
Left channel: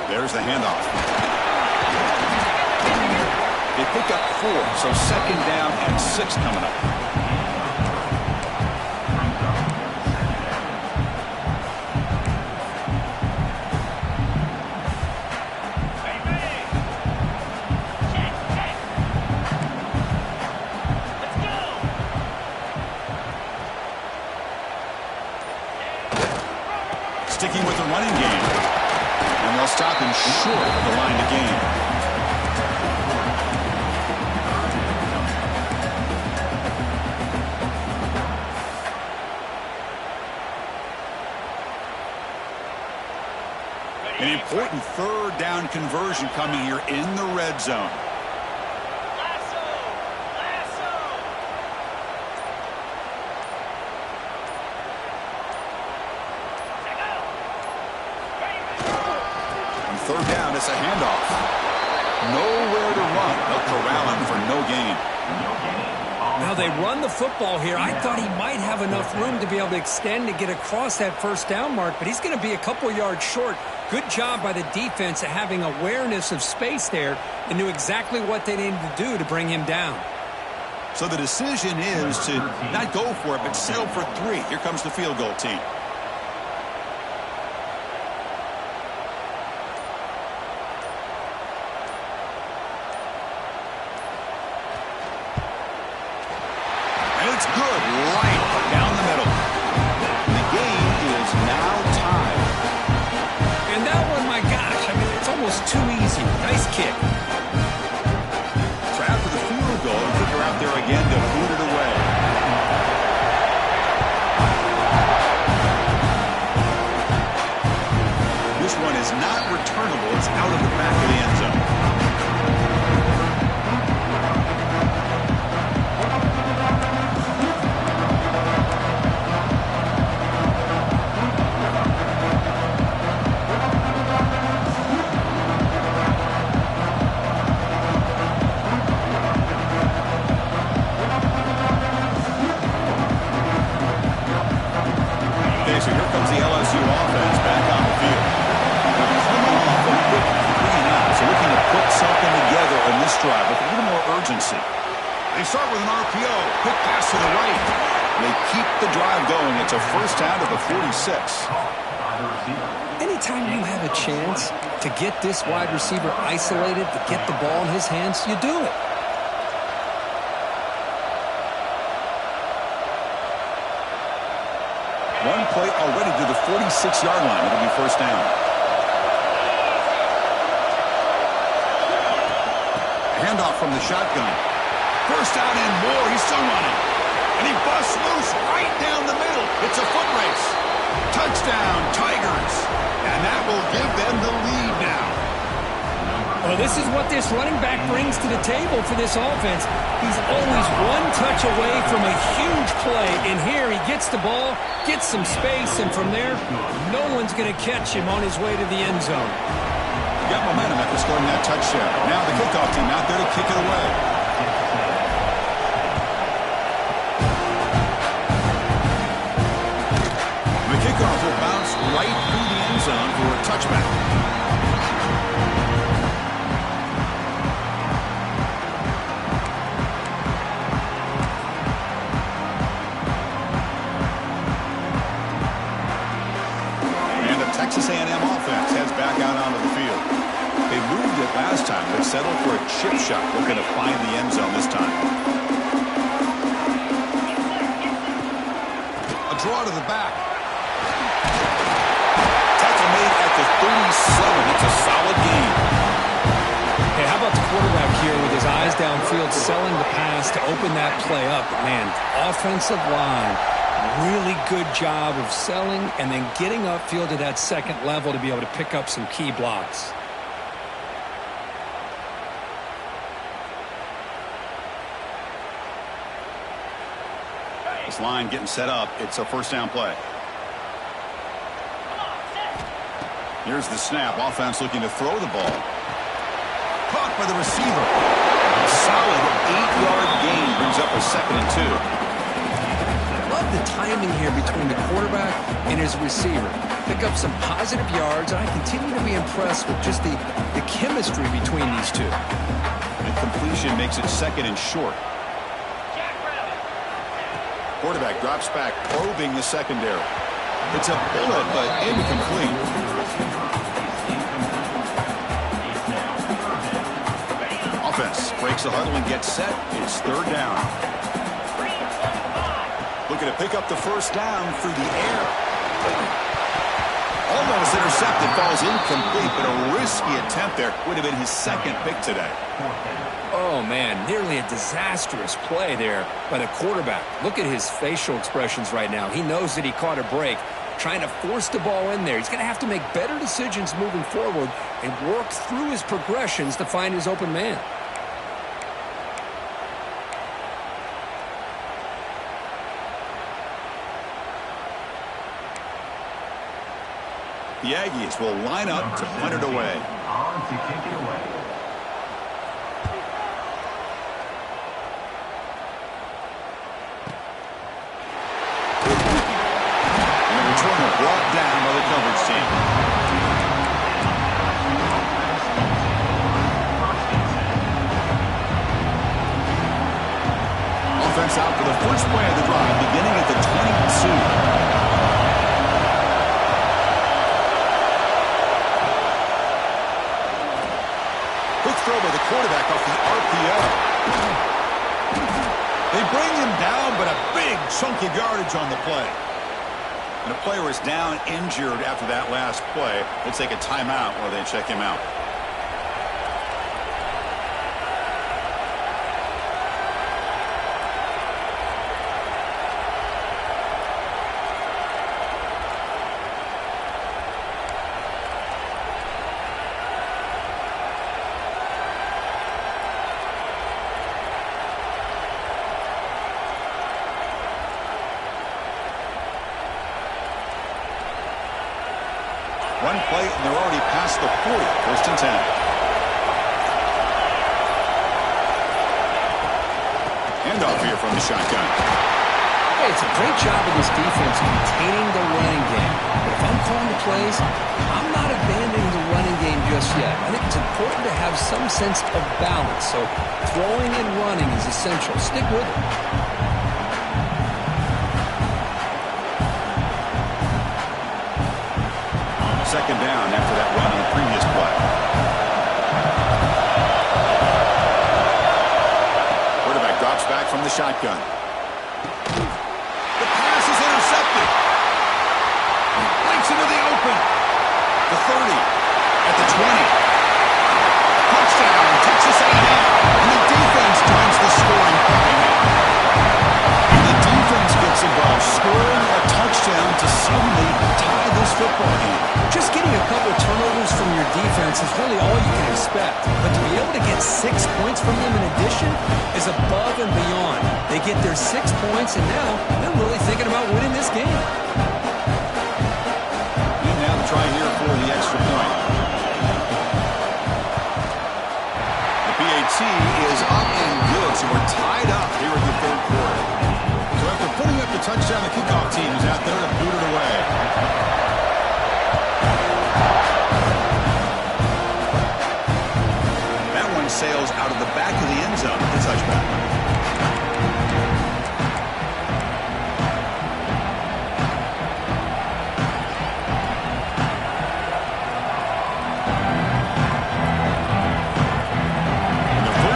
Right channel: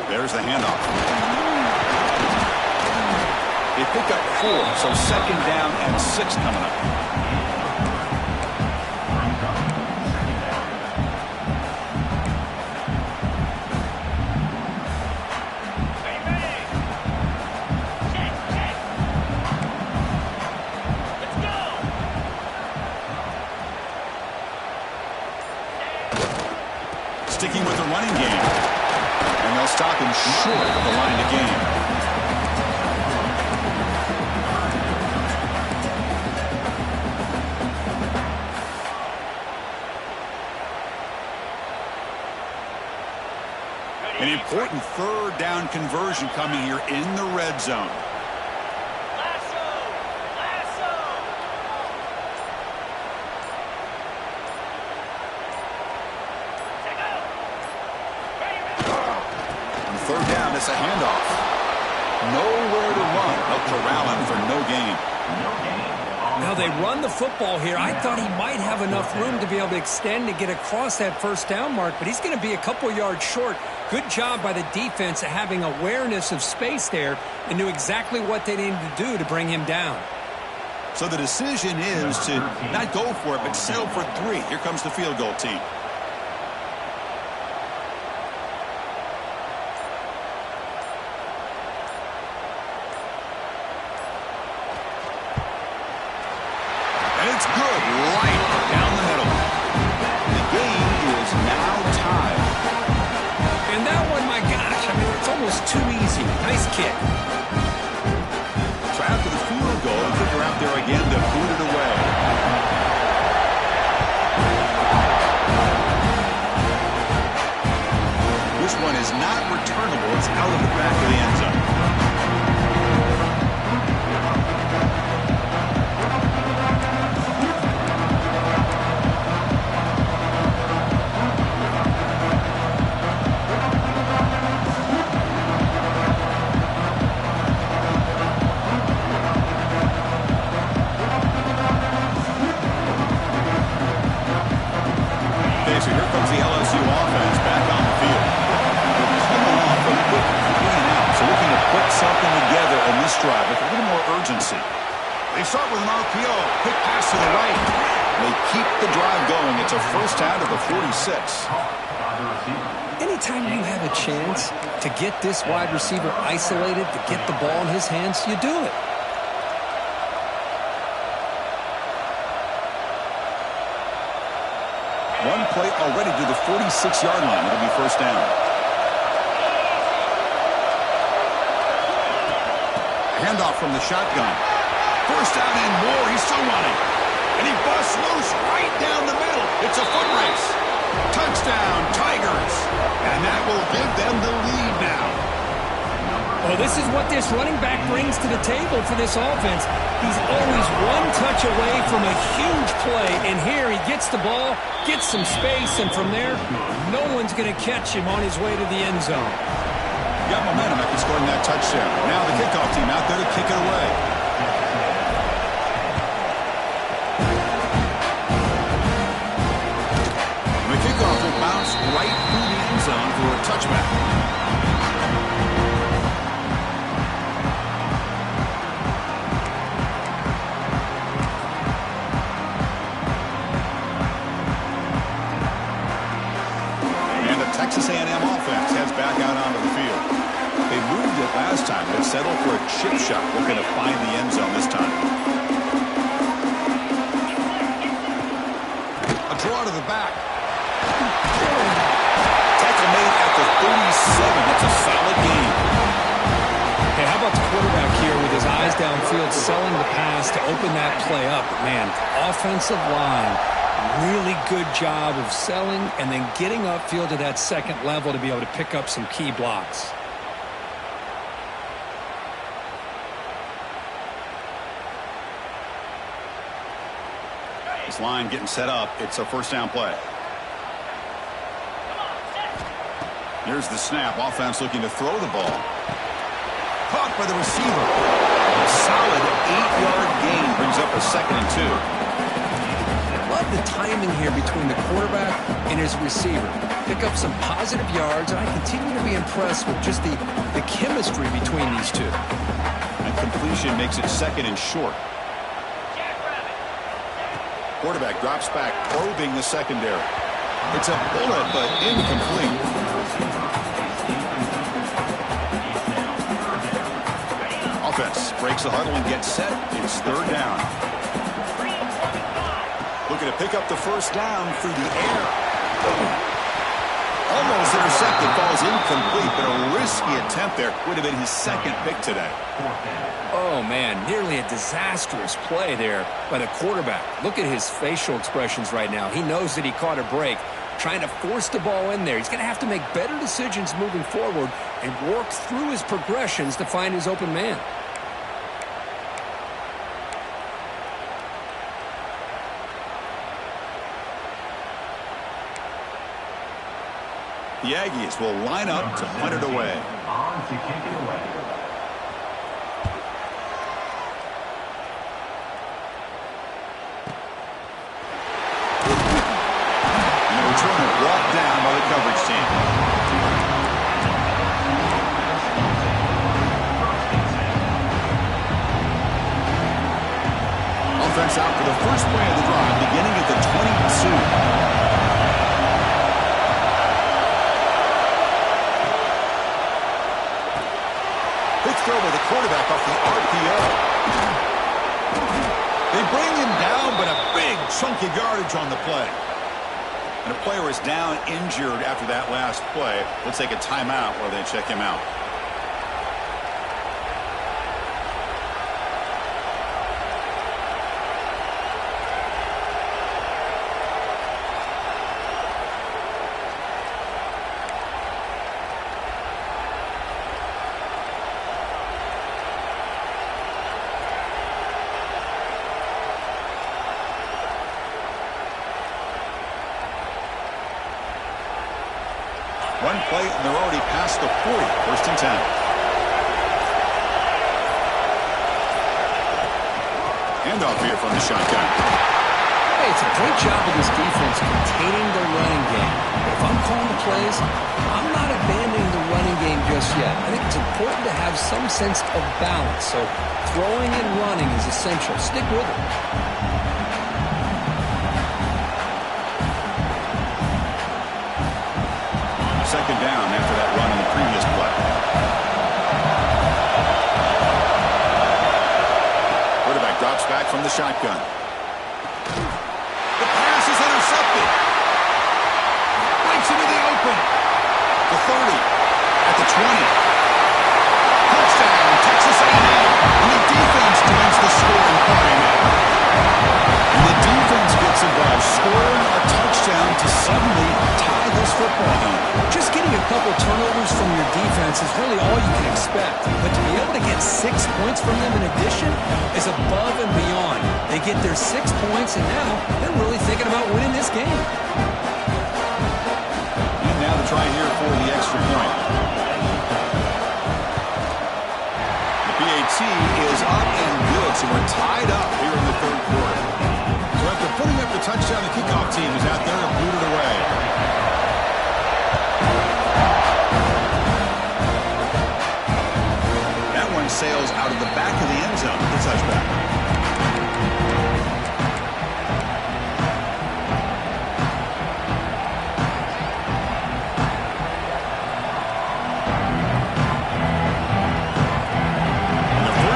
There's the handoff. They pick up 4, so second down and 6 coming up. Sticking with the running game. And they'll stop him short of the line to gain. An important third down conversion coming here in the red zone. Third down, it's a handoff. Nowhere to run. They'll corral him for no gain. Now they run the football here. I thought he might have enough room to be able to extend and get across that first down mark, but he's going to be a couple yards short. Good job by the defense at having awareness of space there and knew exactly what they needed to do to bring him down. So the decision is to not go for it, but settle for 3. Here comes the field goal team. And it's good, right down the middle. The game is now tied. And that one, my gosh, I mean, it's almost too easy. Nice kick. So after the field goal, the kicker out there again to boot it away. This one is not returnable. It's out of the back of the end zone. So here comes the LSU offense back on the field. They're coming off a quick 3 and out, so looking to put something together in this drive with a little more urgency. They start with an RPO, quick pass to the right. They keep the drive going. It's a first down to the 46. Anytime you have a chance to get this wide receiver isolated, to get the ball in his hands, you do it. One play already to the 46-yard line. It'll be first down. Handoff from the shotgun. First down and more. He's still running. And he busts loose right down the middle. It's a foot race. Touchdown, Tigers. And that will give them the lead now. Well, this is what this running back brings to the table for this offense. He's always one touch away from a huge play, and here he gets the ball, gets some space, and from there, no one's going to catch him on his way to the end zone. Got momentum after scoring that touchdown. Now the kickoff team out there to kick it away. The kickoff will bounce right through the end zone for a touchback. Texas A&M offense heads back out onto the field. They moved it last time, but settled for a chip shot, looking to find the end zone this time. A draw to the back. Tackle made at the 37. That's a solid game. Hey, how about the quarterback here with his eyes downfield, selling the pass to open that play up? But man, offensive line. Really good job of selling and then getting upfield to that second level to be able to pick up some key blocks. This line getting set up. It's a first down play. Here's the snap. Offense looking to throw the ball. Caught by the receiver. A solid 8-yard gain brings up a 2nd and 2. Love the timing here between the quarterback and his receiver. Pick up some positive yards, and I continue to be impressed with just the chemistry between these two. And The completion makes it 2nd and short. Quarterback drops back, probing the secondary. It's a bullet, but incomplete. Offense breaks the huddle and gets set. It's 3rd down. Looking to pick up the 1st down through the air. Almost intercepted, falls incomplete, but a risky attempt there. Would have been his 2nd pick today. Oh, man, nearly a disastrous play there by the quarterback. Look at his facial expressions right now. He knows that he caught a break, trying to force the ball in there. He's going to have to make better decisions moving forward and work through his progressions to find his open man. The Aggies will line up to punt it away. On to kick it away. And the returner brought down by the coverage team. Offense out for the first play of the drive, beginning at the 22. Quick throw by the quarterback off the RPO. They bring him down, but a big chunk of yardage on the play. And a player is down injured after that last play. We'll take a timeout while they check him out. One play, and they're already past the 40. 1st and 10. Handoff here from the shotgun. Hey, it's a great job of this defense containing the running game. But if I'm calling the plays, I'm not abandoning the running game just yet. I think it's important to have some sense of balance. So throwing and running is essential. Stick with it. 2nd down after that run on the previous play. Quarterback drops back from the shotgun. The pass is intercepted. Breaks into the open. The 30. At the 20. Touchdown, Texas A&M. And the defense joins the scoring party now. And the defense gets involved, scoring a touchdown to suddenly tie this football game. Just getting a couple turnovers from your defense is really all you can expect. But to be able to get 6 points from them in addition is above and beyond. They get their 6 points, and now they're really thinking about winning this game. And now the try here for the extra point. The PAT is up and good, so we're tied up here in the 3rd quarter. So after putting up the touchdown, the kickoff team is out there to boot it away. That one sails out of the back of the end zone with the touchback.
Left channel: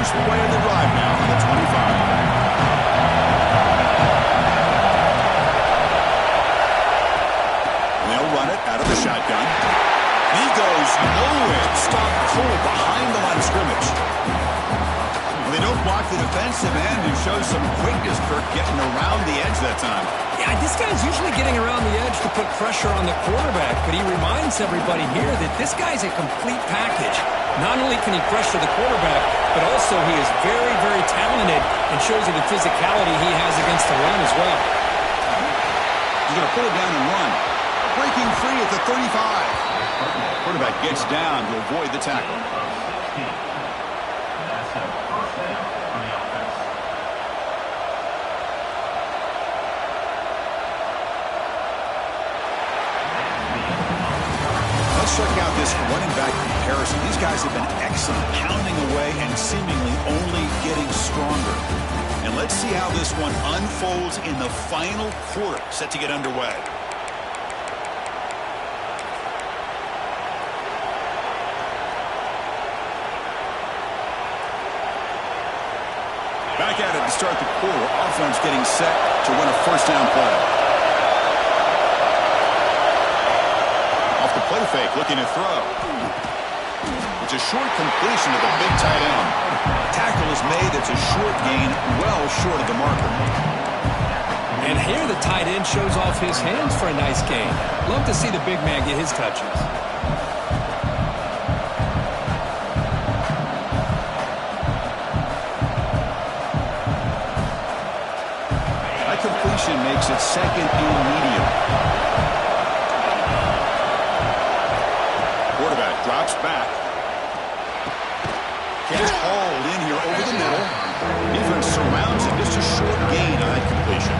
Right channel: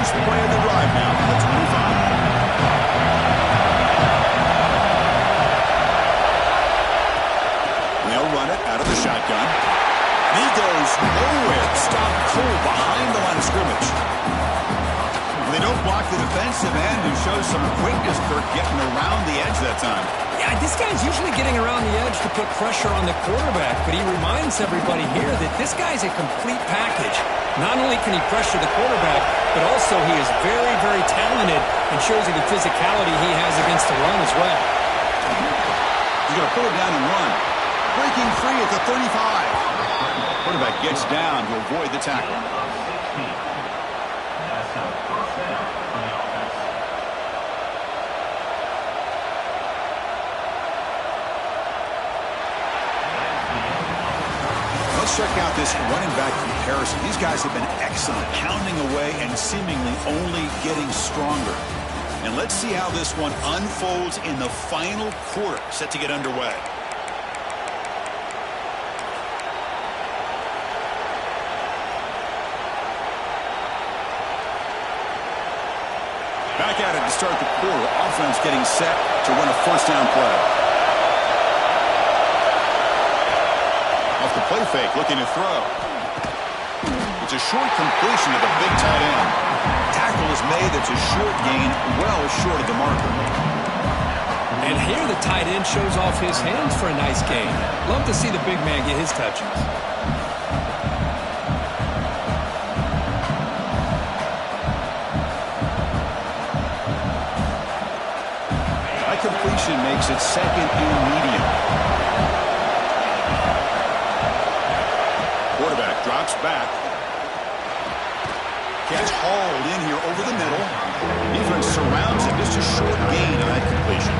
Play of the drive now from the 25. And they'll run it out of the shotgun. And he goes nowhere. Stopped cold behind the line of scrimmage. Well, they don't block the defensive end and show some quickness, Kirk, getting around the edge that time. Yeah, this guy's usually getting around the edge to put pressure on the quarterback, but he reminds everybody here that this guy's a complete package. Not only can he pressure the quarterback, but also he is very, very talented and shows you the physicality he has against the run as well. He's going to pull it down and run. Breaking free at the 35. Quarterback gets down to avoid the tackle. That's a 1st down for the offense. Let's check out this running back comparison. These guys have been excellent, pounding away and seemingly only getting stronger. And let's see how this one unfolds in the final quarter, set to get underway. Back at it to start the quarter. Offense getting set to run a first down play. Off the play fake, looking to throw. It's a short completion to the big tight end. Tackle is made. It's a short gain, well short of the marker. And here the tight end shows off his hands for a nice gain. Love to see the big man get his touches. That completion makes it second and medium. Quarterback drops back. Catch hauled in here over the middle. Defense surrounds him. Just a short gain on that completion.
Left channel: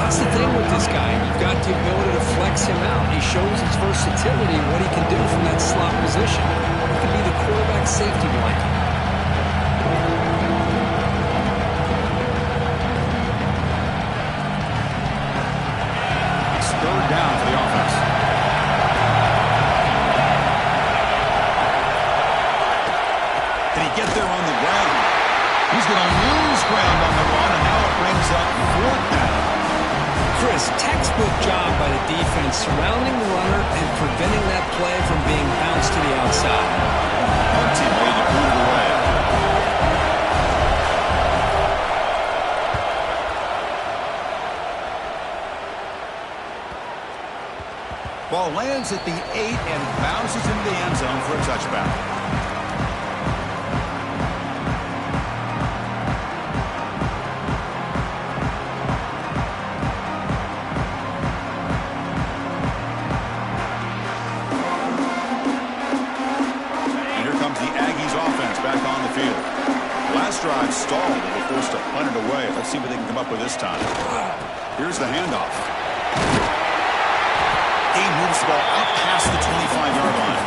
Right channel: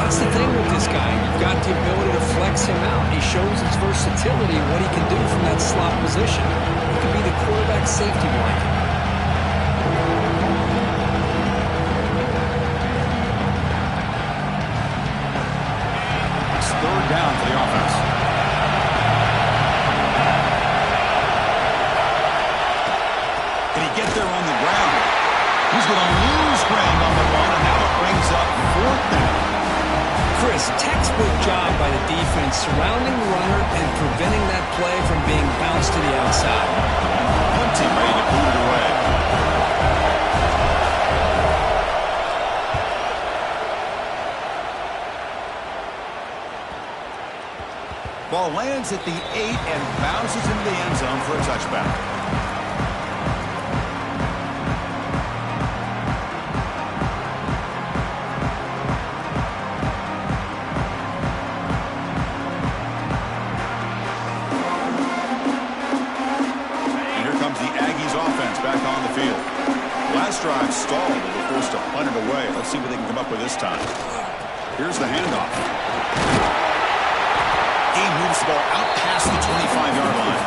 That's the thing with this guy. You've got the ability to flex him out. He shows his versatility and what he can do from that slot position. He could be the quarterback safety blanket. It's third down for the offense. Can he get there on the ground? He's going to lose ground on the run, and now it brings up fourth down. Chris, textbook job by the defense surrounding the runner and preventing that play from being bounced to the outside. Punt team ready to boot it away. Ball lands at the 8 and bounces into the end zone for a touchback. Drive stalled and were forced to punt it away. Let's see what they can come up with this time. Here's the handoff. He moves the ball out past the 25-yard line.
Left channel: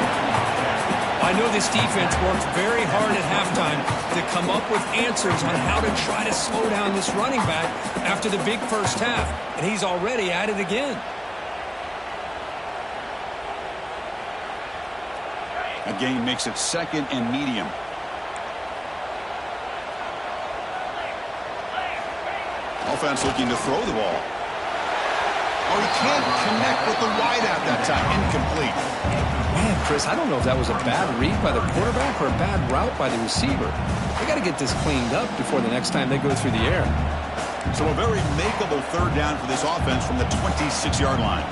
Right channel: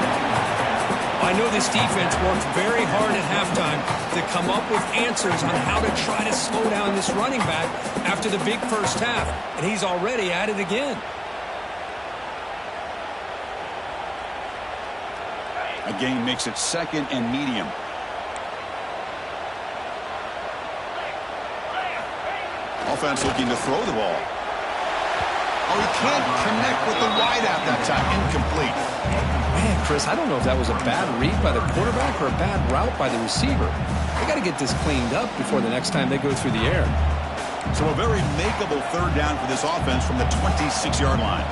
I know this defense worked very hard at halftime to come up with answers on how to try to slow down this running back after the big first half, and he's already at it again. A gain makes it second and medium. Offense looking to throw the ball. Oh, he can't connect with the wideout that time. Incomplete. Man, Chris, I don't know if that was a bad read by the quarterback or a bad route by the receiver. They got to get this cleaned up before the next time they go through the air. So a very makeable third down for this offense from the 26-yard line.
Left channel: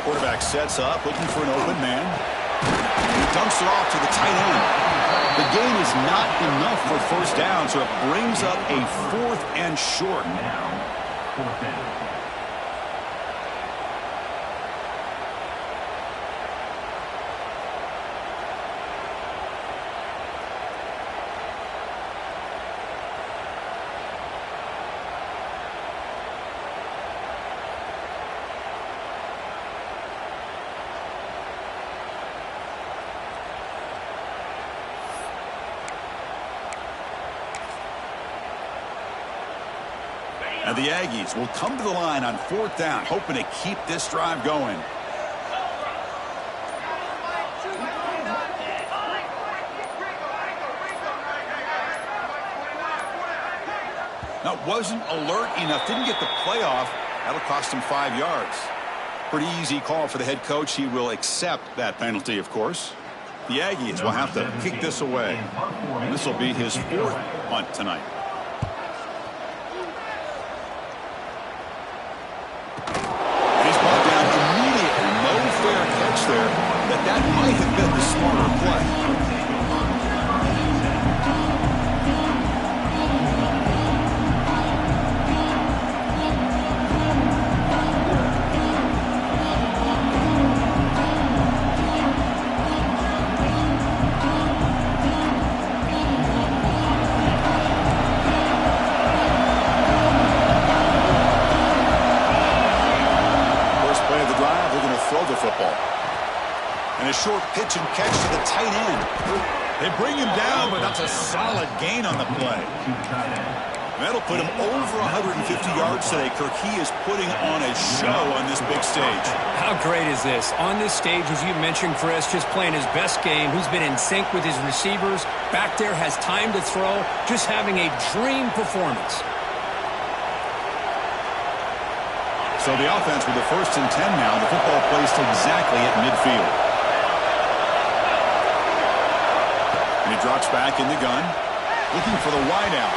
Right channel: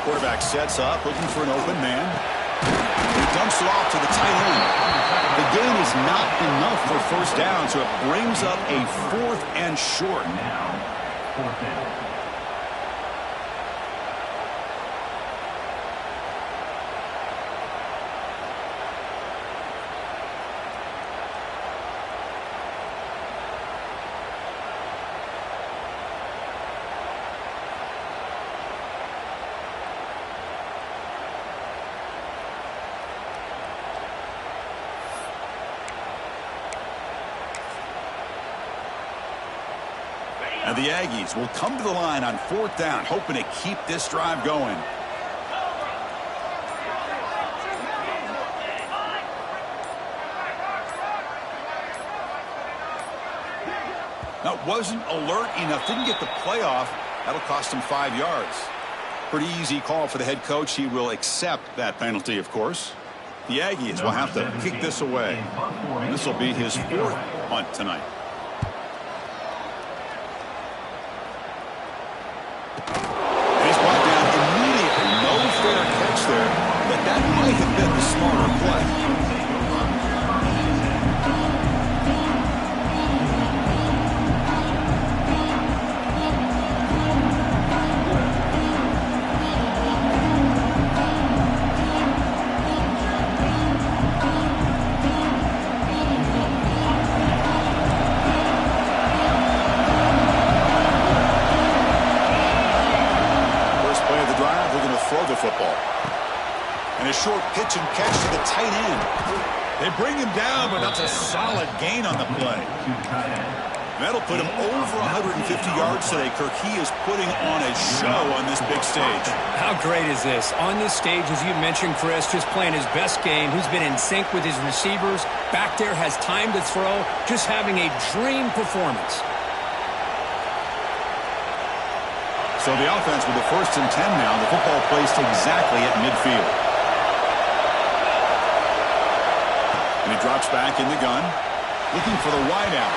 Quarterback sets up, looking for an open man. He dumps it off to the tight end. The gain is not enough for first down, so it brings up a fourth and short. Now, fourth down. And the Aggies will come to the line on fourth down, hoping to keep this drive going. Now, wasn't alert enough, didn't get the play off. That'll cost him 5 yards. Pretty easy call for the head coach. He will accept that penalty, of course. The Aggies will have to kick this away. This will be his fourth punt tonight. He's brought down immediately. No fair catch there. That might have been the smarter play. Throw the And a short pitch and catch to the tight end. They bring him down, but that's a solid gain on the play. To the tight end. That'll put him over 150 yards today, Kirk. He is putting on a show on this big stage. How great is this? On this stage, as you mentioned, Chris, just playing his best game. He's been in sync with his receivers. Back there, has time to throw. Just having a dream performance. So the offense with the 1st and 10 now. The football placed exactly at midfield. And he drops back in the gun, looking for the wideout.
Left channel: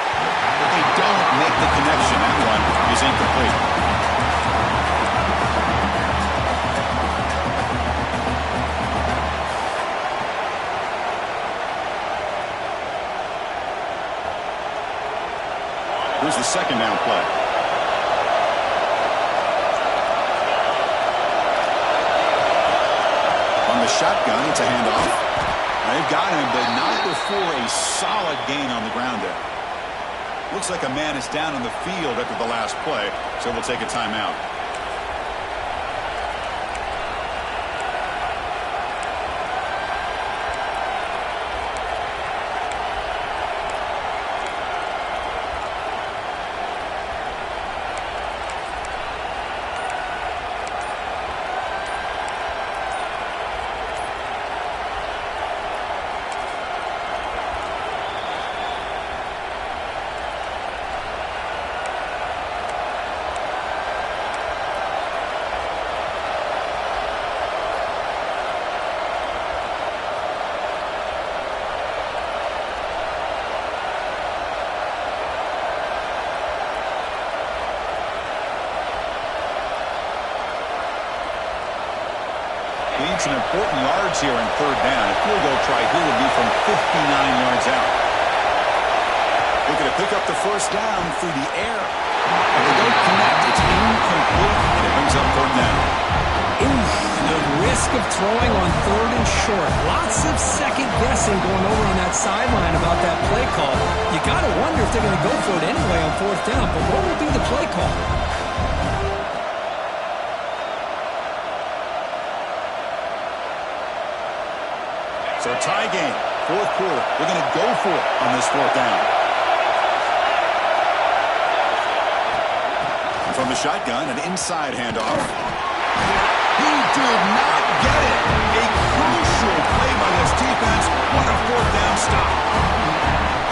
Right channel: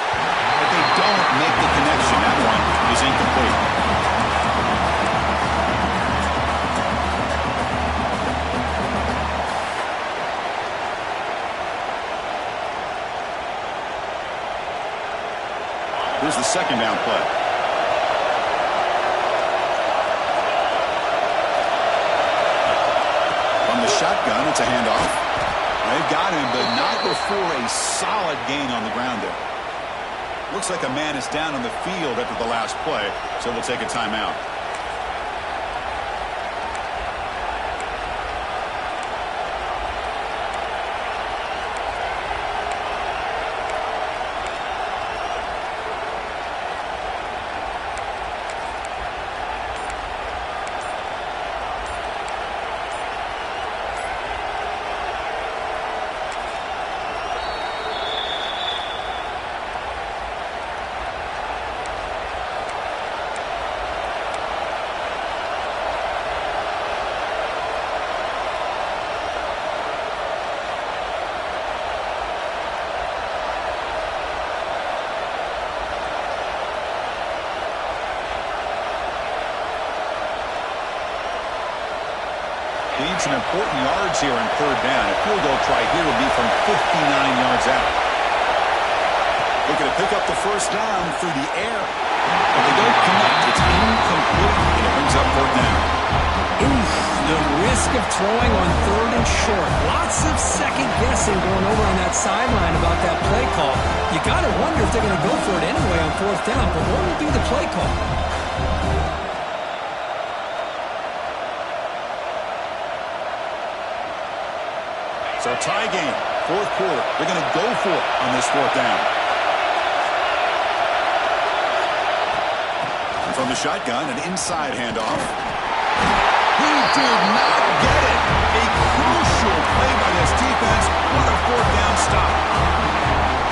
But they don't make the connection. That one is incomplete. Here's the 2nd down play. From the shotgun, it's a handoff. They've got him, but not before a solid gain on the ground there. Looks like a man is down on the field after the last play, so we'll take a timeout. Need some important yards here on 3rd down. A field goal try here would be from 59 yards out. Looking to pick up the 1st down through the air. But they don't connect. It's incomplete, and it brings up 4th down. Oof, the risk of throwing on 3rd and short. Lots of second guessing going over on that sideline about that play call. You got to wonder if they're going to go for it anyway on 4th down. But what will be the play call? So tie game, 4th quarter. They're going to go for it on this 4th down. And from the shotgun, an inside handoff. He did not get it. A crucial play by this defense. What a 4th down stop.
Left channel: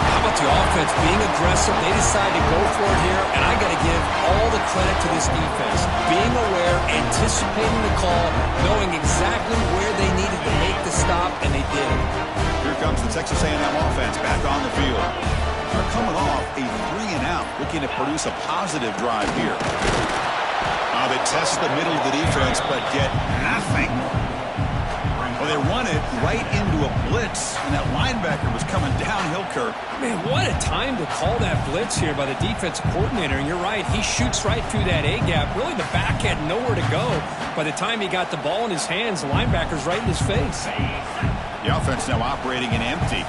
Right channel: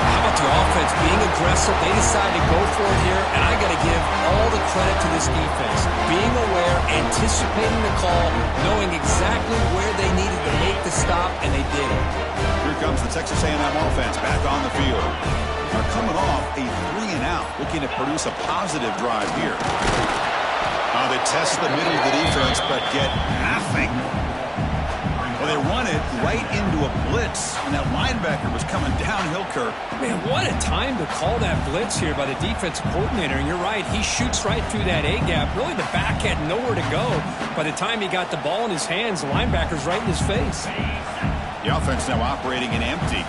How about the offense being aggressive? They decide to go for it here, and I got to give all the credit to this defense. Being aware, anticipating the call, knowing exactly where they needed to make the stop, and they did it. Here comes the Texas A&M offense back on the field. They're coming off a 3-and-out, looking to produce a positive drive here. They test the middle of the defense, but get nothing. Well, they run it right into a blitz, and that linebacker was coming downhill, Kirk. Man, what a time to call that blitz here by the defensive coordinator. And you're right, he shoots right through that A-gap. Really, the back had nowhere to go. By the time he got the ball in his hands, the linebacker's right in his face. The offense now operating in empty.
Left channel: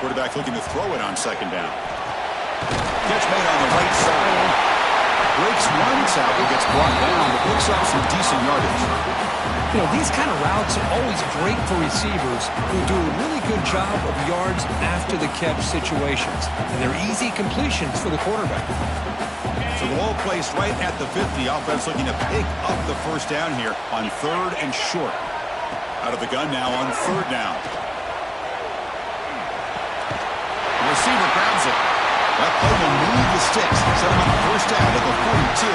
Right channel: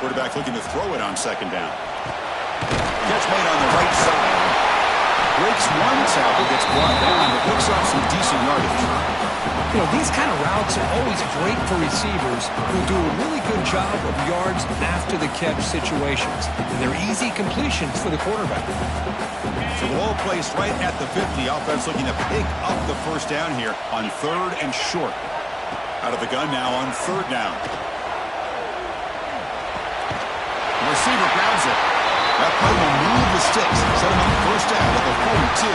Quarterback looking to throw it on 2nd down. Catch made on the right side. Breaks one tackle, gets brought down, but picks up some decent yardage. You know, these kind of routes are always great for receivers who do a really good job of yards after the catch situations. And they're easy completions for the quarterback. So the ball placed right at the 50. Offense looking to pick up the 1st down here on 3rd and short. Out of the gun now on 3rd down. The receiver grabs it. That play will move the sticks, set him up 1st down at the 42.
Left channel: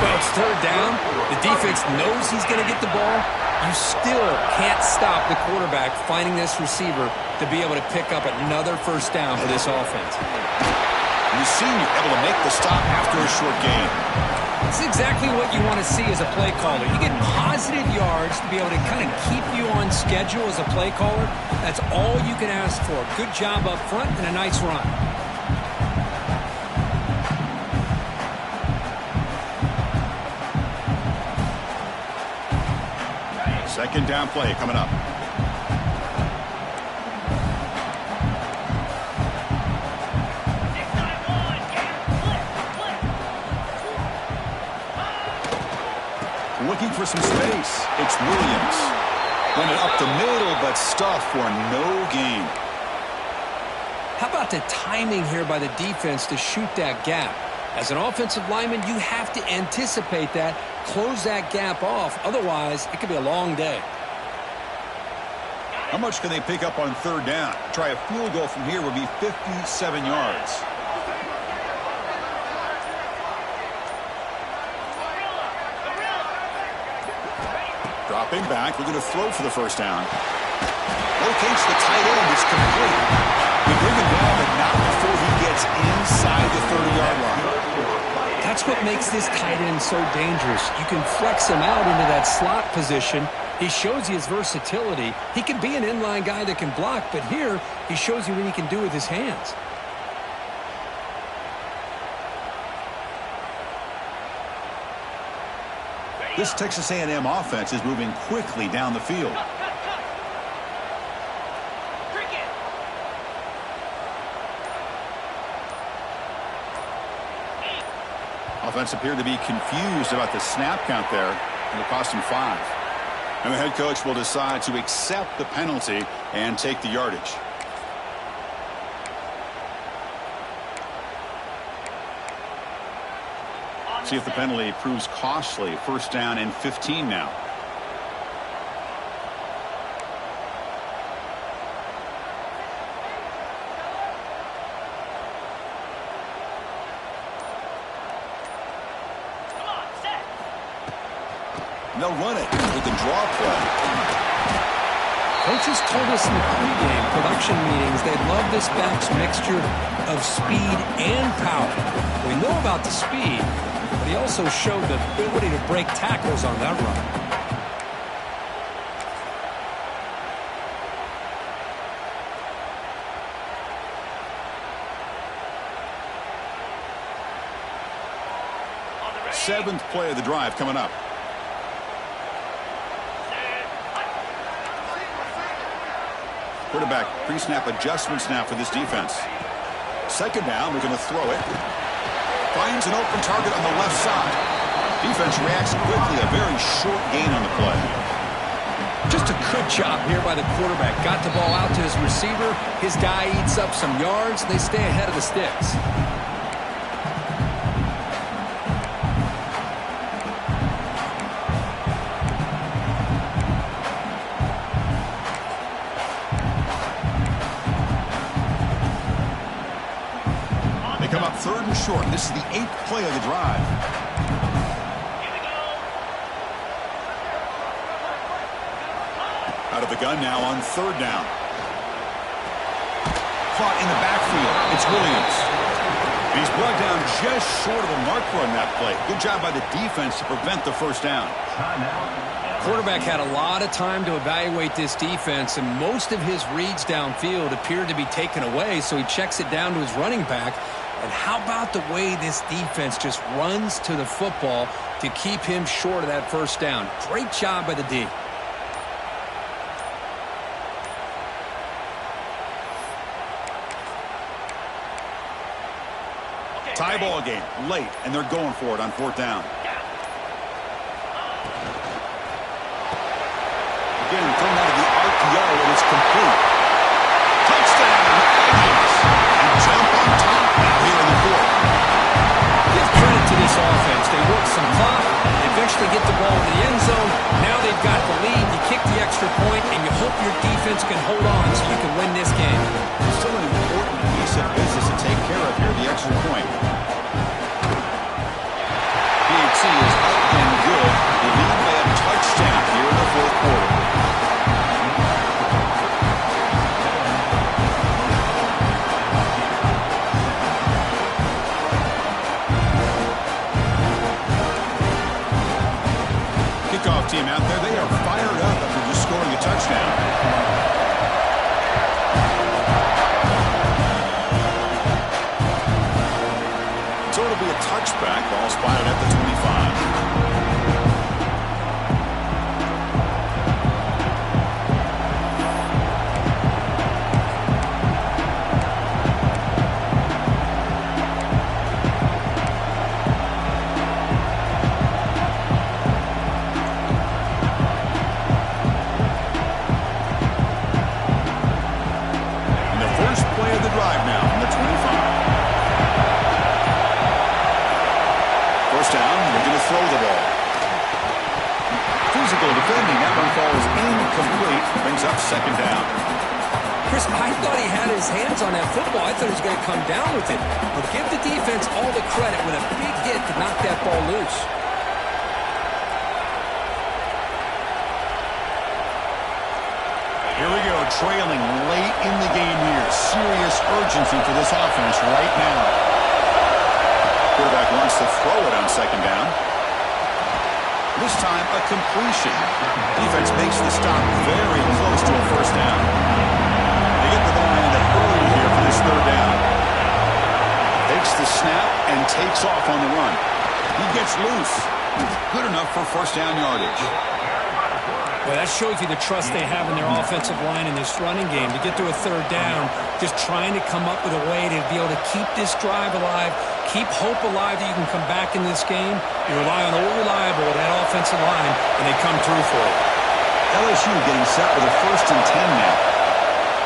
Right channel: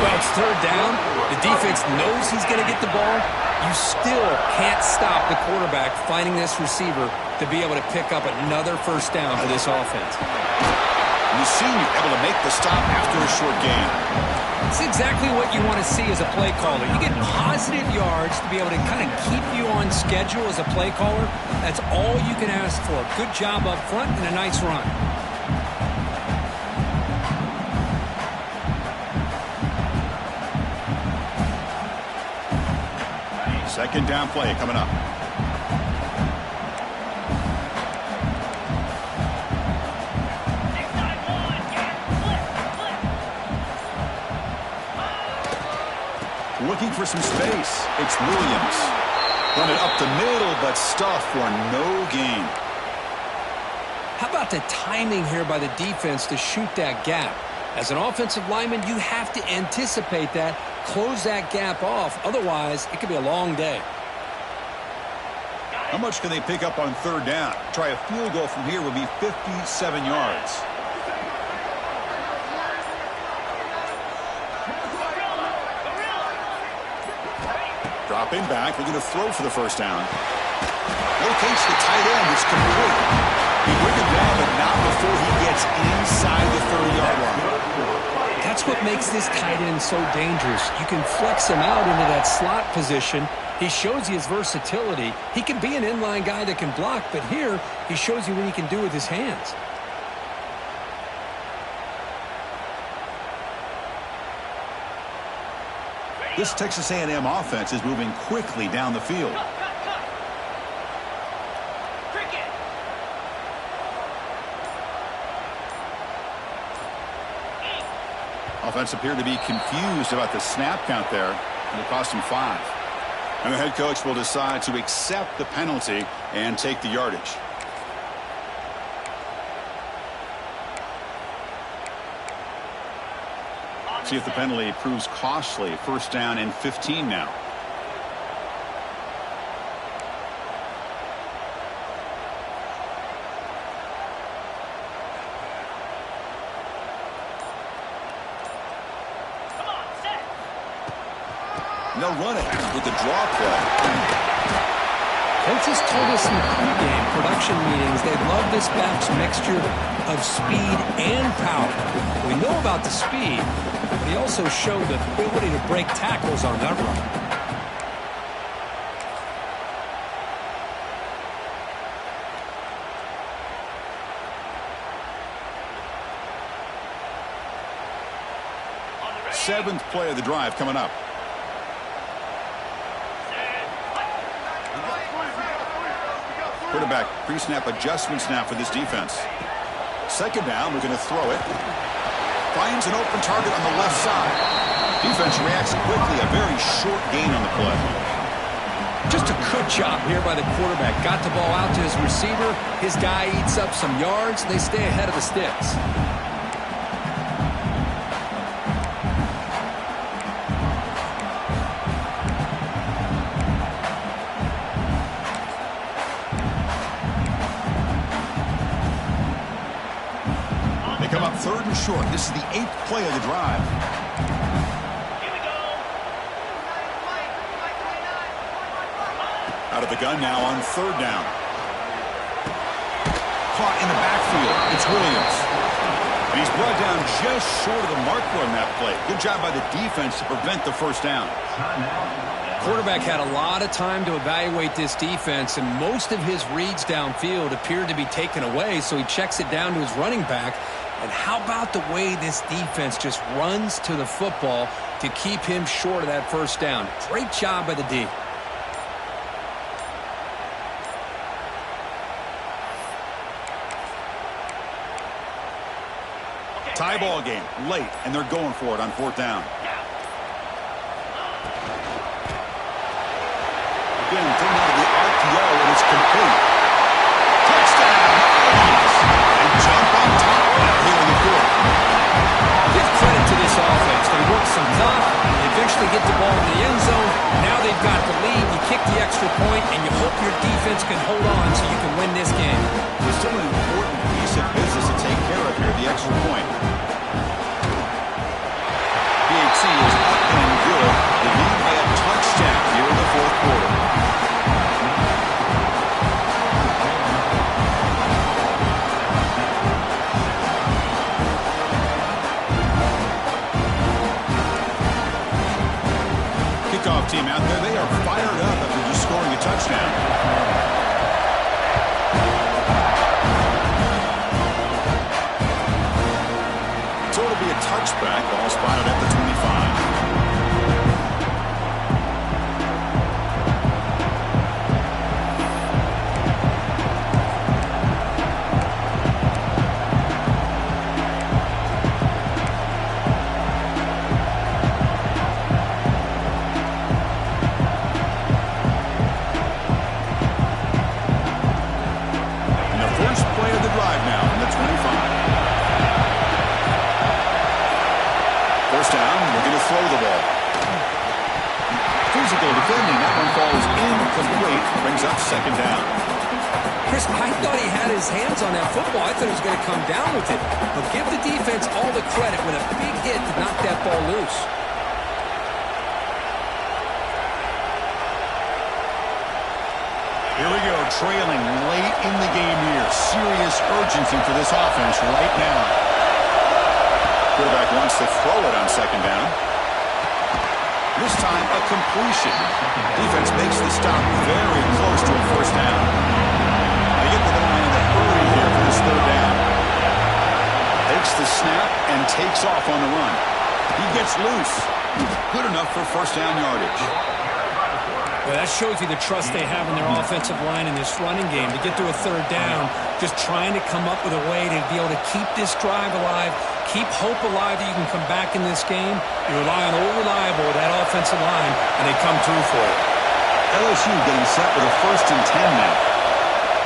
Well, it's 3rd down. The defense knows he's going to get the ball. You still can't stop the quarterback finding this receiver to be able to pick up another 1st down for this offense. And the senior able to make the stop after a short gain. It's exactly what you want to see as a play caller. You get positive yards to be able to kind of keep you on schedule as a play caller. That's all you can ask for. Good job up front and a nice run. 2nd down play coming up. Looking for some space. It's Williams. Run it up the middle, but stuffed for no gain. How about the timing here by the defense to shoot that gap? As an offensive lineman, you have to anticipate that, close that gap off. Otherwise, it could be a long day. How much can they pick up on third down? Try a field goal from here would be 57 yards. Dropping back, looking to throw for the first down. Locates the tight end. It's complete. They bring him down, but not before he gets inside the 30-yard line. That's what makes this tight end so dangerous. You can flex him out into that slot position. He shows you his versatility. He can be an inline guy that can block, but here he shows you what he can do with his hands. This Texas A&M offense is moving quickly down the field. Offense appeared to be confused about the snap count there, and it cost him 5. And the head coach will decide to accept the penalty and take the yardage. See if the penalty proves costly. First down and 15 now. And they'll run it with the draw play. Coaches told us in the pregame production meetings they love this back's mixture of speed and power. We know about the speed, but he also showed the ability to break tackles on that run. Seventh play of the drive coming up. Quarterback pre-snap adjustments now for this defense. Second down, we're going to throw it. Finds an open target on the left side. Defense reacts quickly, a very short gain on the play. Just a good job here by the quarterback. Got the ball out to his receiver. His guy eats up some yards. They stay ahead of the sticks. They come up third and short. This is the 8th play of the drive. Here we go. Out of the gun now on third down. Caught in the backfield. It's Williams. And he's brought down just short of the marker on that play. Good job by the defense to prevent the first down. Quarterback had a lot of time to evaluate this defense, and most of his reads downfield appeared to be taken away, so he checks it down to his running back. And how about the way this defense just runs to the football to keep him short of that first down? Great job by the D. Tie ball game late, and they're going for it on fourth down. Again, thrown out of the RPO, and it's complete. Touchdown, Aggies! And jump on top now here in the fourth. Give credit to this offense. They work some clock. They eventually get the ball in the end zone. Now they've got the lead. You kick the extra point, and you hope your defense can hold on so you can win this game. It's still an important piece of business to take care of here, the extra point. PHC is up and good. The lead by a touchdown here in the fourth quarter. Kickoff team out there, they are fired up after just scoring a touchdown. So it'll be a touchback, ball spotted at the 25. physical defending. That one falls incomplete. Brings up second down. Chris, I thought he had his hands on that football. I thought he was going to come down with it. But give the defense all the credit with a big hit to knock that ball loose. Here we go, trailing late in the game here. Serious urgency for this offense right now. Quarterback wants to throw it on second down. This time, a completion. Defense makes the stop very close to a first down. They get to the line in a hurry here for this third down. Takes the snap and takes off on the run. He gets loose. Good enough for first down yardage. Well, that shows you the trust they have in their offensive line in this running game. To get to a third down, just trying to come up with a way to be able to keep this drive alive, keep hope alive that you can come back in this game. You rely on old reliable, that offensive line, and they come through for you. LSU getting set with a 1st and 10 now.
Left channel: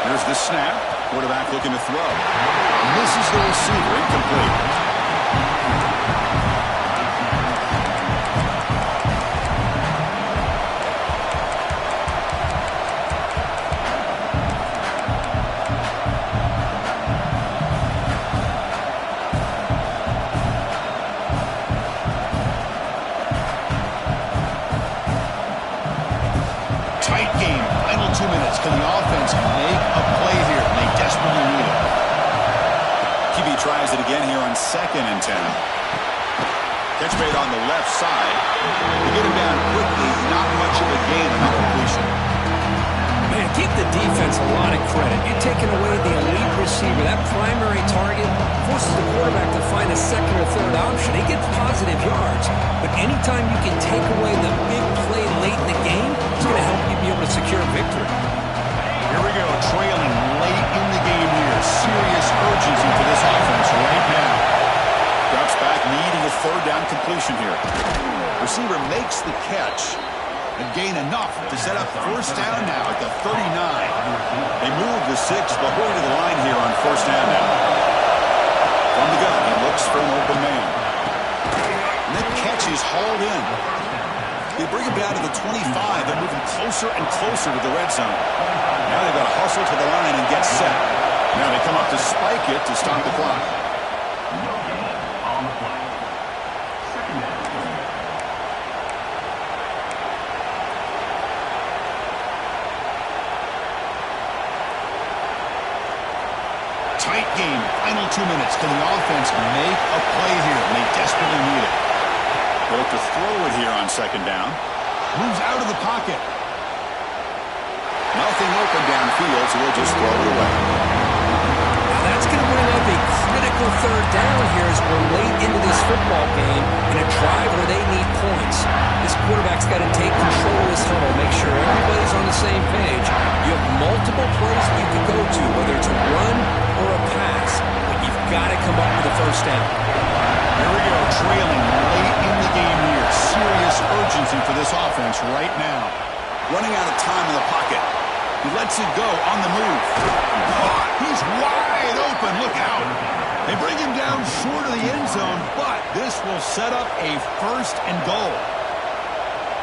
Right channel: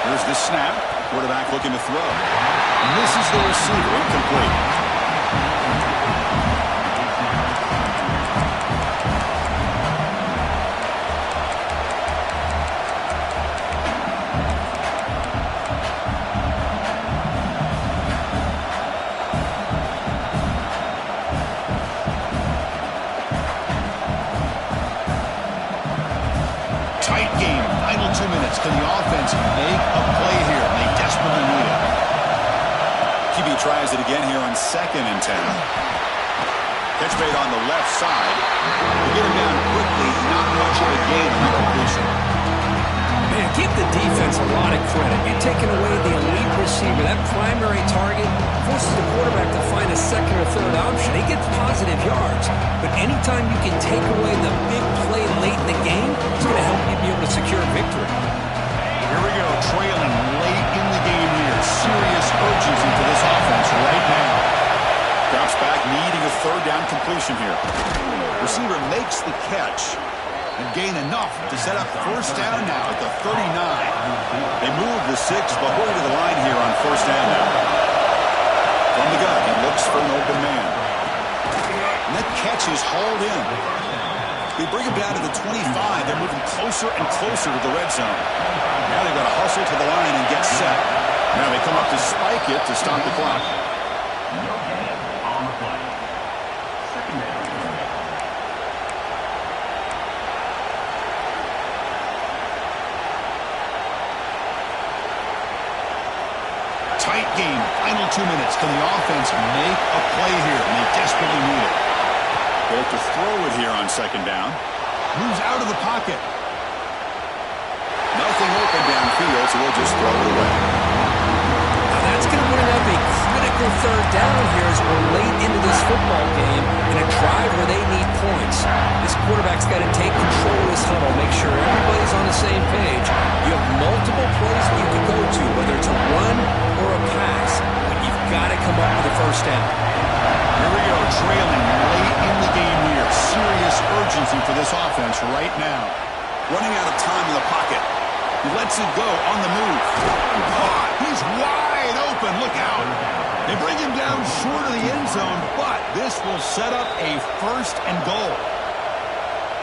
Here's the snap. Quarterback looking to throw. Misses the receiver. Incomplete. Tight game. Final 2 minutes. Can the offense make a play here? And they desperately need it. QB tries it again here on 2nd and 10. Catch made on the left side. To get him down quickly, not much of a gain on that completion. Man, give the defense a lot of credit. You're taking away the elite receiver. That primary target forces the quarterback to find a second or third option. He gets positive yards. But anytime you can take away the big play late in the game, it's going to help you be able to secure victory. Here we go, trailing late in the game here. Serious urgency for this offense right now. Drops back, needing a third down completion here. Receiver makes the catch and gain enough to set up first down now at the 39. They move the 6, Bahoy to the line here on first down now. From the gun, he looks for an open man. And that catch is hauled in. They bring him down to the 25. They're moving closer and closer to the red zone. Now they've got to hustle to the line and get set. Now they come up to spike it to stop the clock. No gain on the play. Second down. Tight game. Final 2 minutes. Can the offense make a play here? And they desperately need it. They look to throw it here on second down. Moves out of the pocket. Nothing open downfield, so we'll just throw it away. Now that's going to bring up a critical third down here as we're late into this football game in a drive where they need points. This quarterback's got to take control of this huddle, make sure everybody's on the same page. You have multiple plays that you can go to, whether it's a run or a pass, but you've got to come up with a first down. Here we go, trailing late in the game here. Serious urgency for this offense right now. Running out of time in the pocket. He lets it go on the move. Caught. He's wide open. Look out. They bring him down short of the end zone, but this will set up a 1st and goal.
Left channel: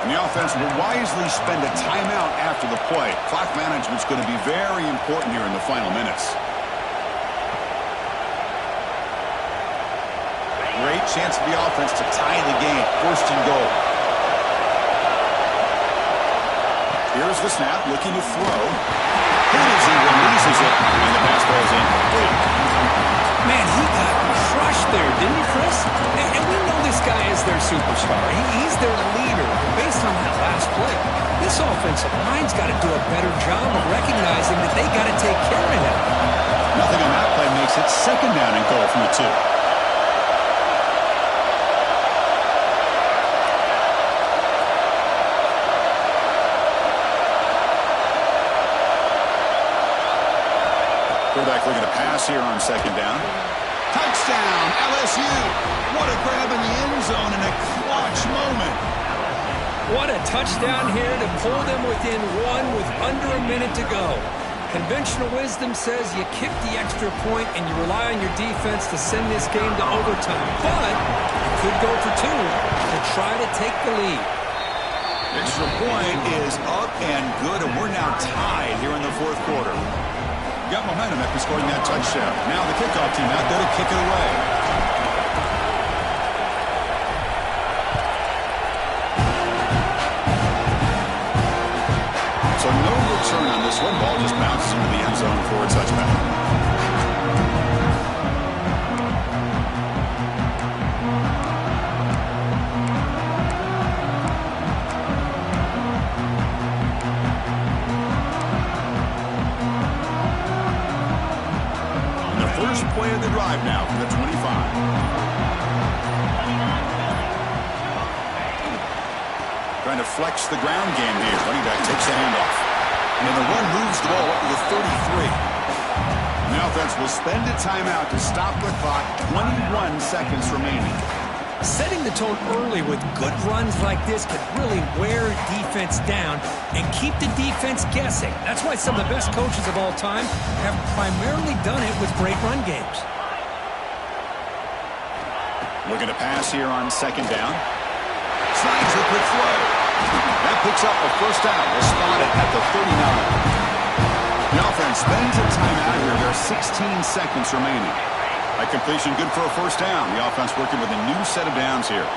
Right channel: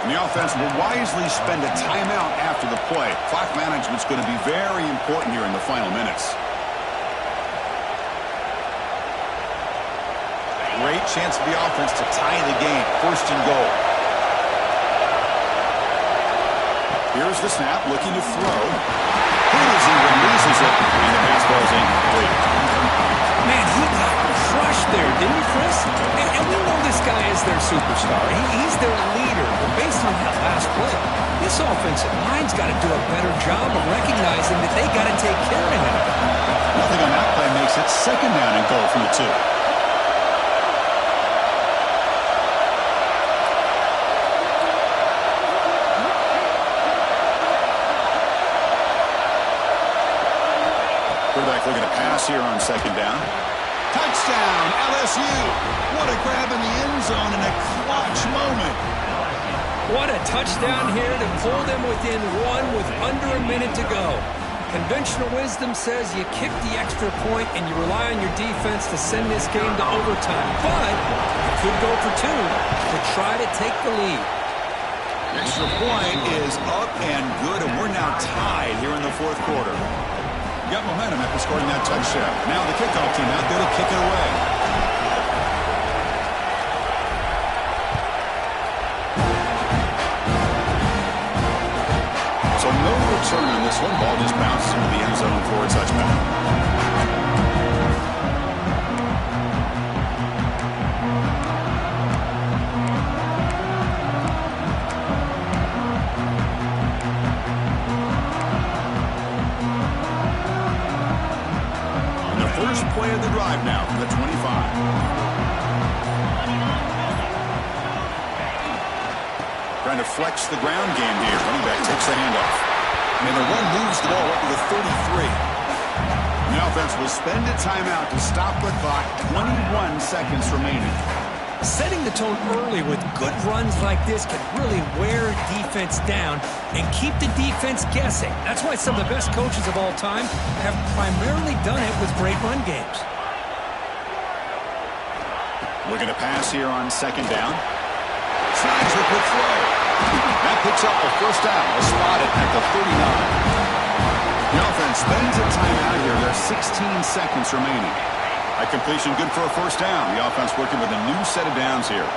And the offense will wisely spend a timeout after the play. Clock management's going to be very important here in the final minutes. Great chance for the offense to tie the game. 1st and goal. Here's the snap, looking to throw. Hit as he releases it, and the pass ball is incomplete. Man, he got crushed there, didn't he, Chris? And we know this guy is their superstar. He's their leader. But based on that last play, this offensive line's got to do a better job of recognizing that they got to take care of him. Nothing on that play makes it 2nd down and goal from the 2. Quarterback looking to pass here on 2nd down. Touchdown, LSU. What a grab in the end zone in a clutch moment. What a touchdown here to pull them within 1 with under a minute to go. Conventional wisdom says you kick the extra point and you rely on your defense to send this game to overtime. But you could go for 2 to try to take the lead. Extra point is up and good, and we're now tied here in the fourth quarter. Got momentum after scoring that touchdown. Now the kickoff team out there to kick it away. So no return on this one. Ball just bounces into the end zone for a touchback. First play of the drive now from the 25. Trying to flex the ground game here. Running back takes the handoff. And the run moves the ball up to the 33. And the offense will spend a timeout to stop the clock. 21 seconds remaining. Setting the tone early with good runs like this can really wear defense down and keep the defense guessing. That's why some of the best coaches of all time have primarily done it with great run games. Looking to pass here on second down. Slides the quick throw. That picks up a first down. They'll spot it at the 39. The offense spends a timeout here. There are 16 seconds remaining. A completion good for a first down. The offense working with a new set of downs here.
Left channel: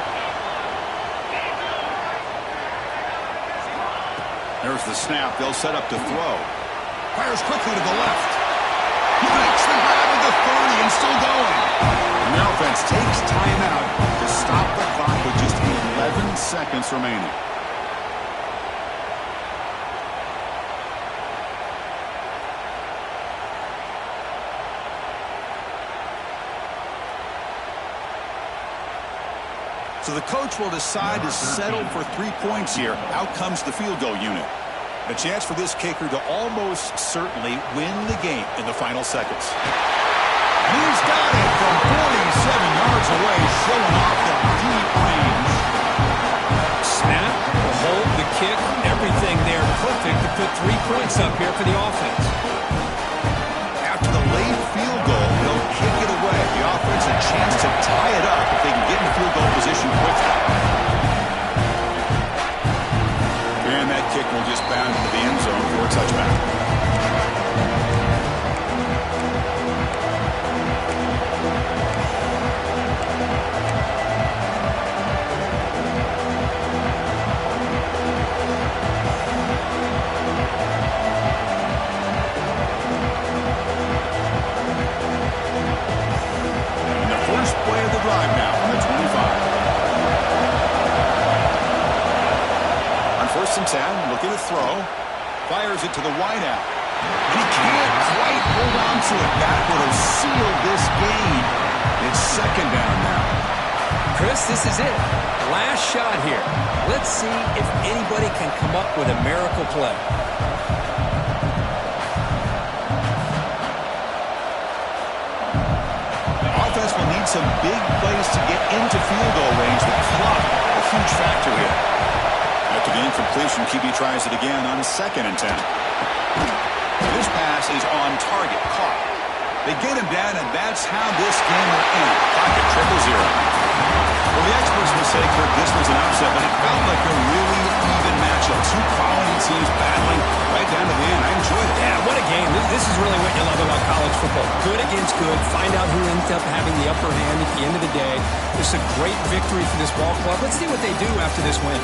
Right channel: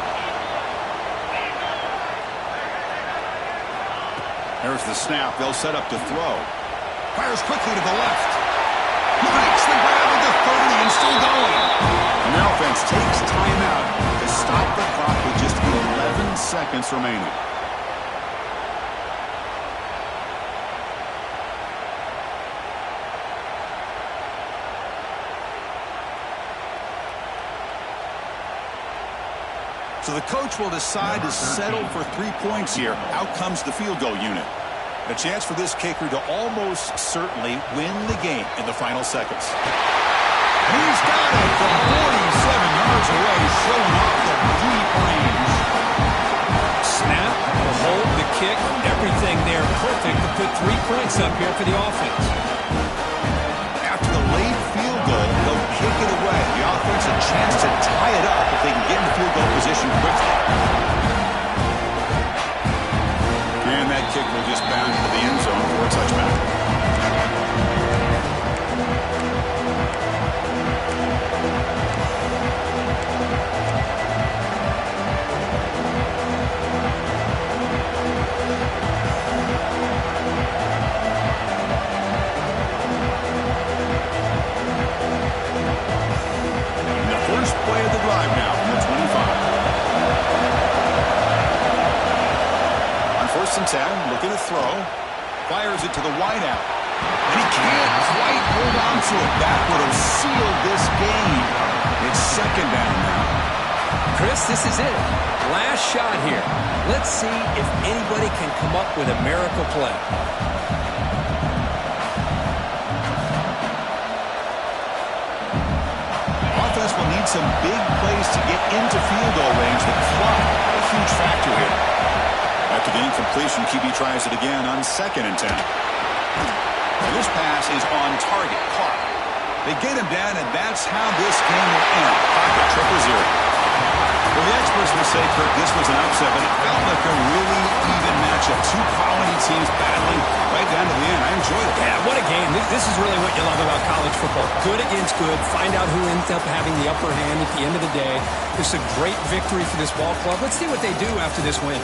There's the snap. They'll set up to throw. Fires quickly to the left. He makes the grab at the 30 and still going. And the offense takes timeout to stop the clock with just 11 seconds remaining. So the coach will decide to settle for 3 points here. Out comes the field goal unit. A chance for this kicker to almost certainly win the game in the final seconds. And he's got it from 47 yards away, showing off the deep range. Snap, the hold, the kick, everything there perfect to put 3 points up here for the offense. After the late field goal, they'll kick it away. The offense a chance to tie it up if they can get into field goal position quickly. And that kick will just bound into the end zone for a touchback. First play of the drive now from the 25. On 1st and 10, looking to throw. Fires it to the wideout. And he can't quite hold on to it. That would have sealed this game. It's second down now. Chris, this is it. Last shot here. Let's see if anybody can come up with a miracle play. Offense will need some big plays to get into field goal range. The clock, a huge factor here. After the incompletion, QB tries it again on 2nd and 10. This pass is on target, caught. They get him down, and that's how this game will end. Clock at 0-0. Well, the experts will say, Kirk, this was an upset, but it felt like a really even matchup. Two quality teams battling right down to the end. I enjoyed it. Yeah, what a game. This is really what you love about college football. Good against good. Find out who ends up having the upper hand at the end of the day. This is a great victory for this ball club. Let's see what they do after this win.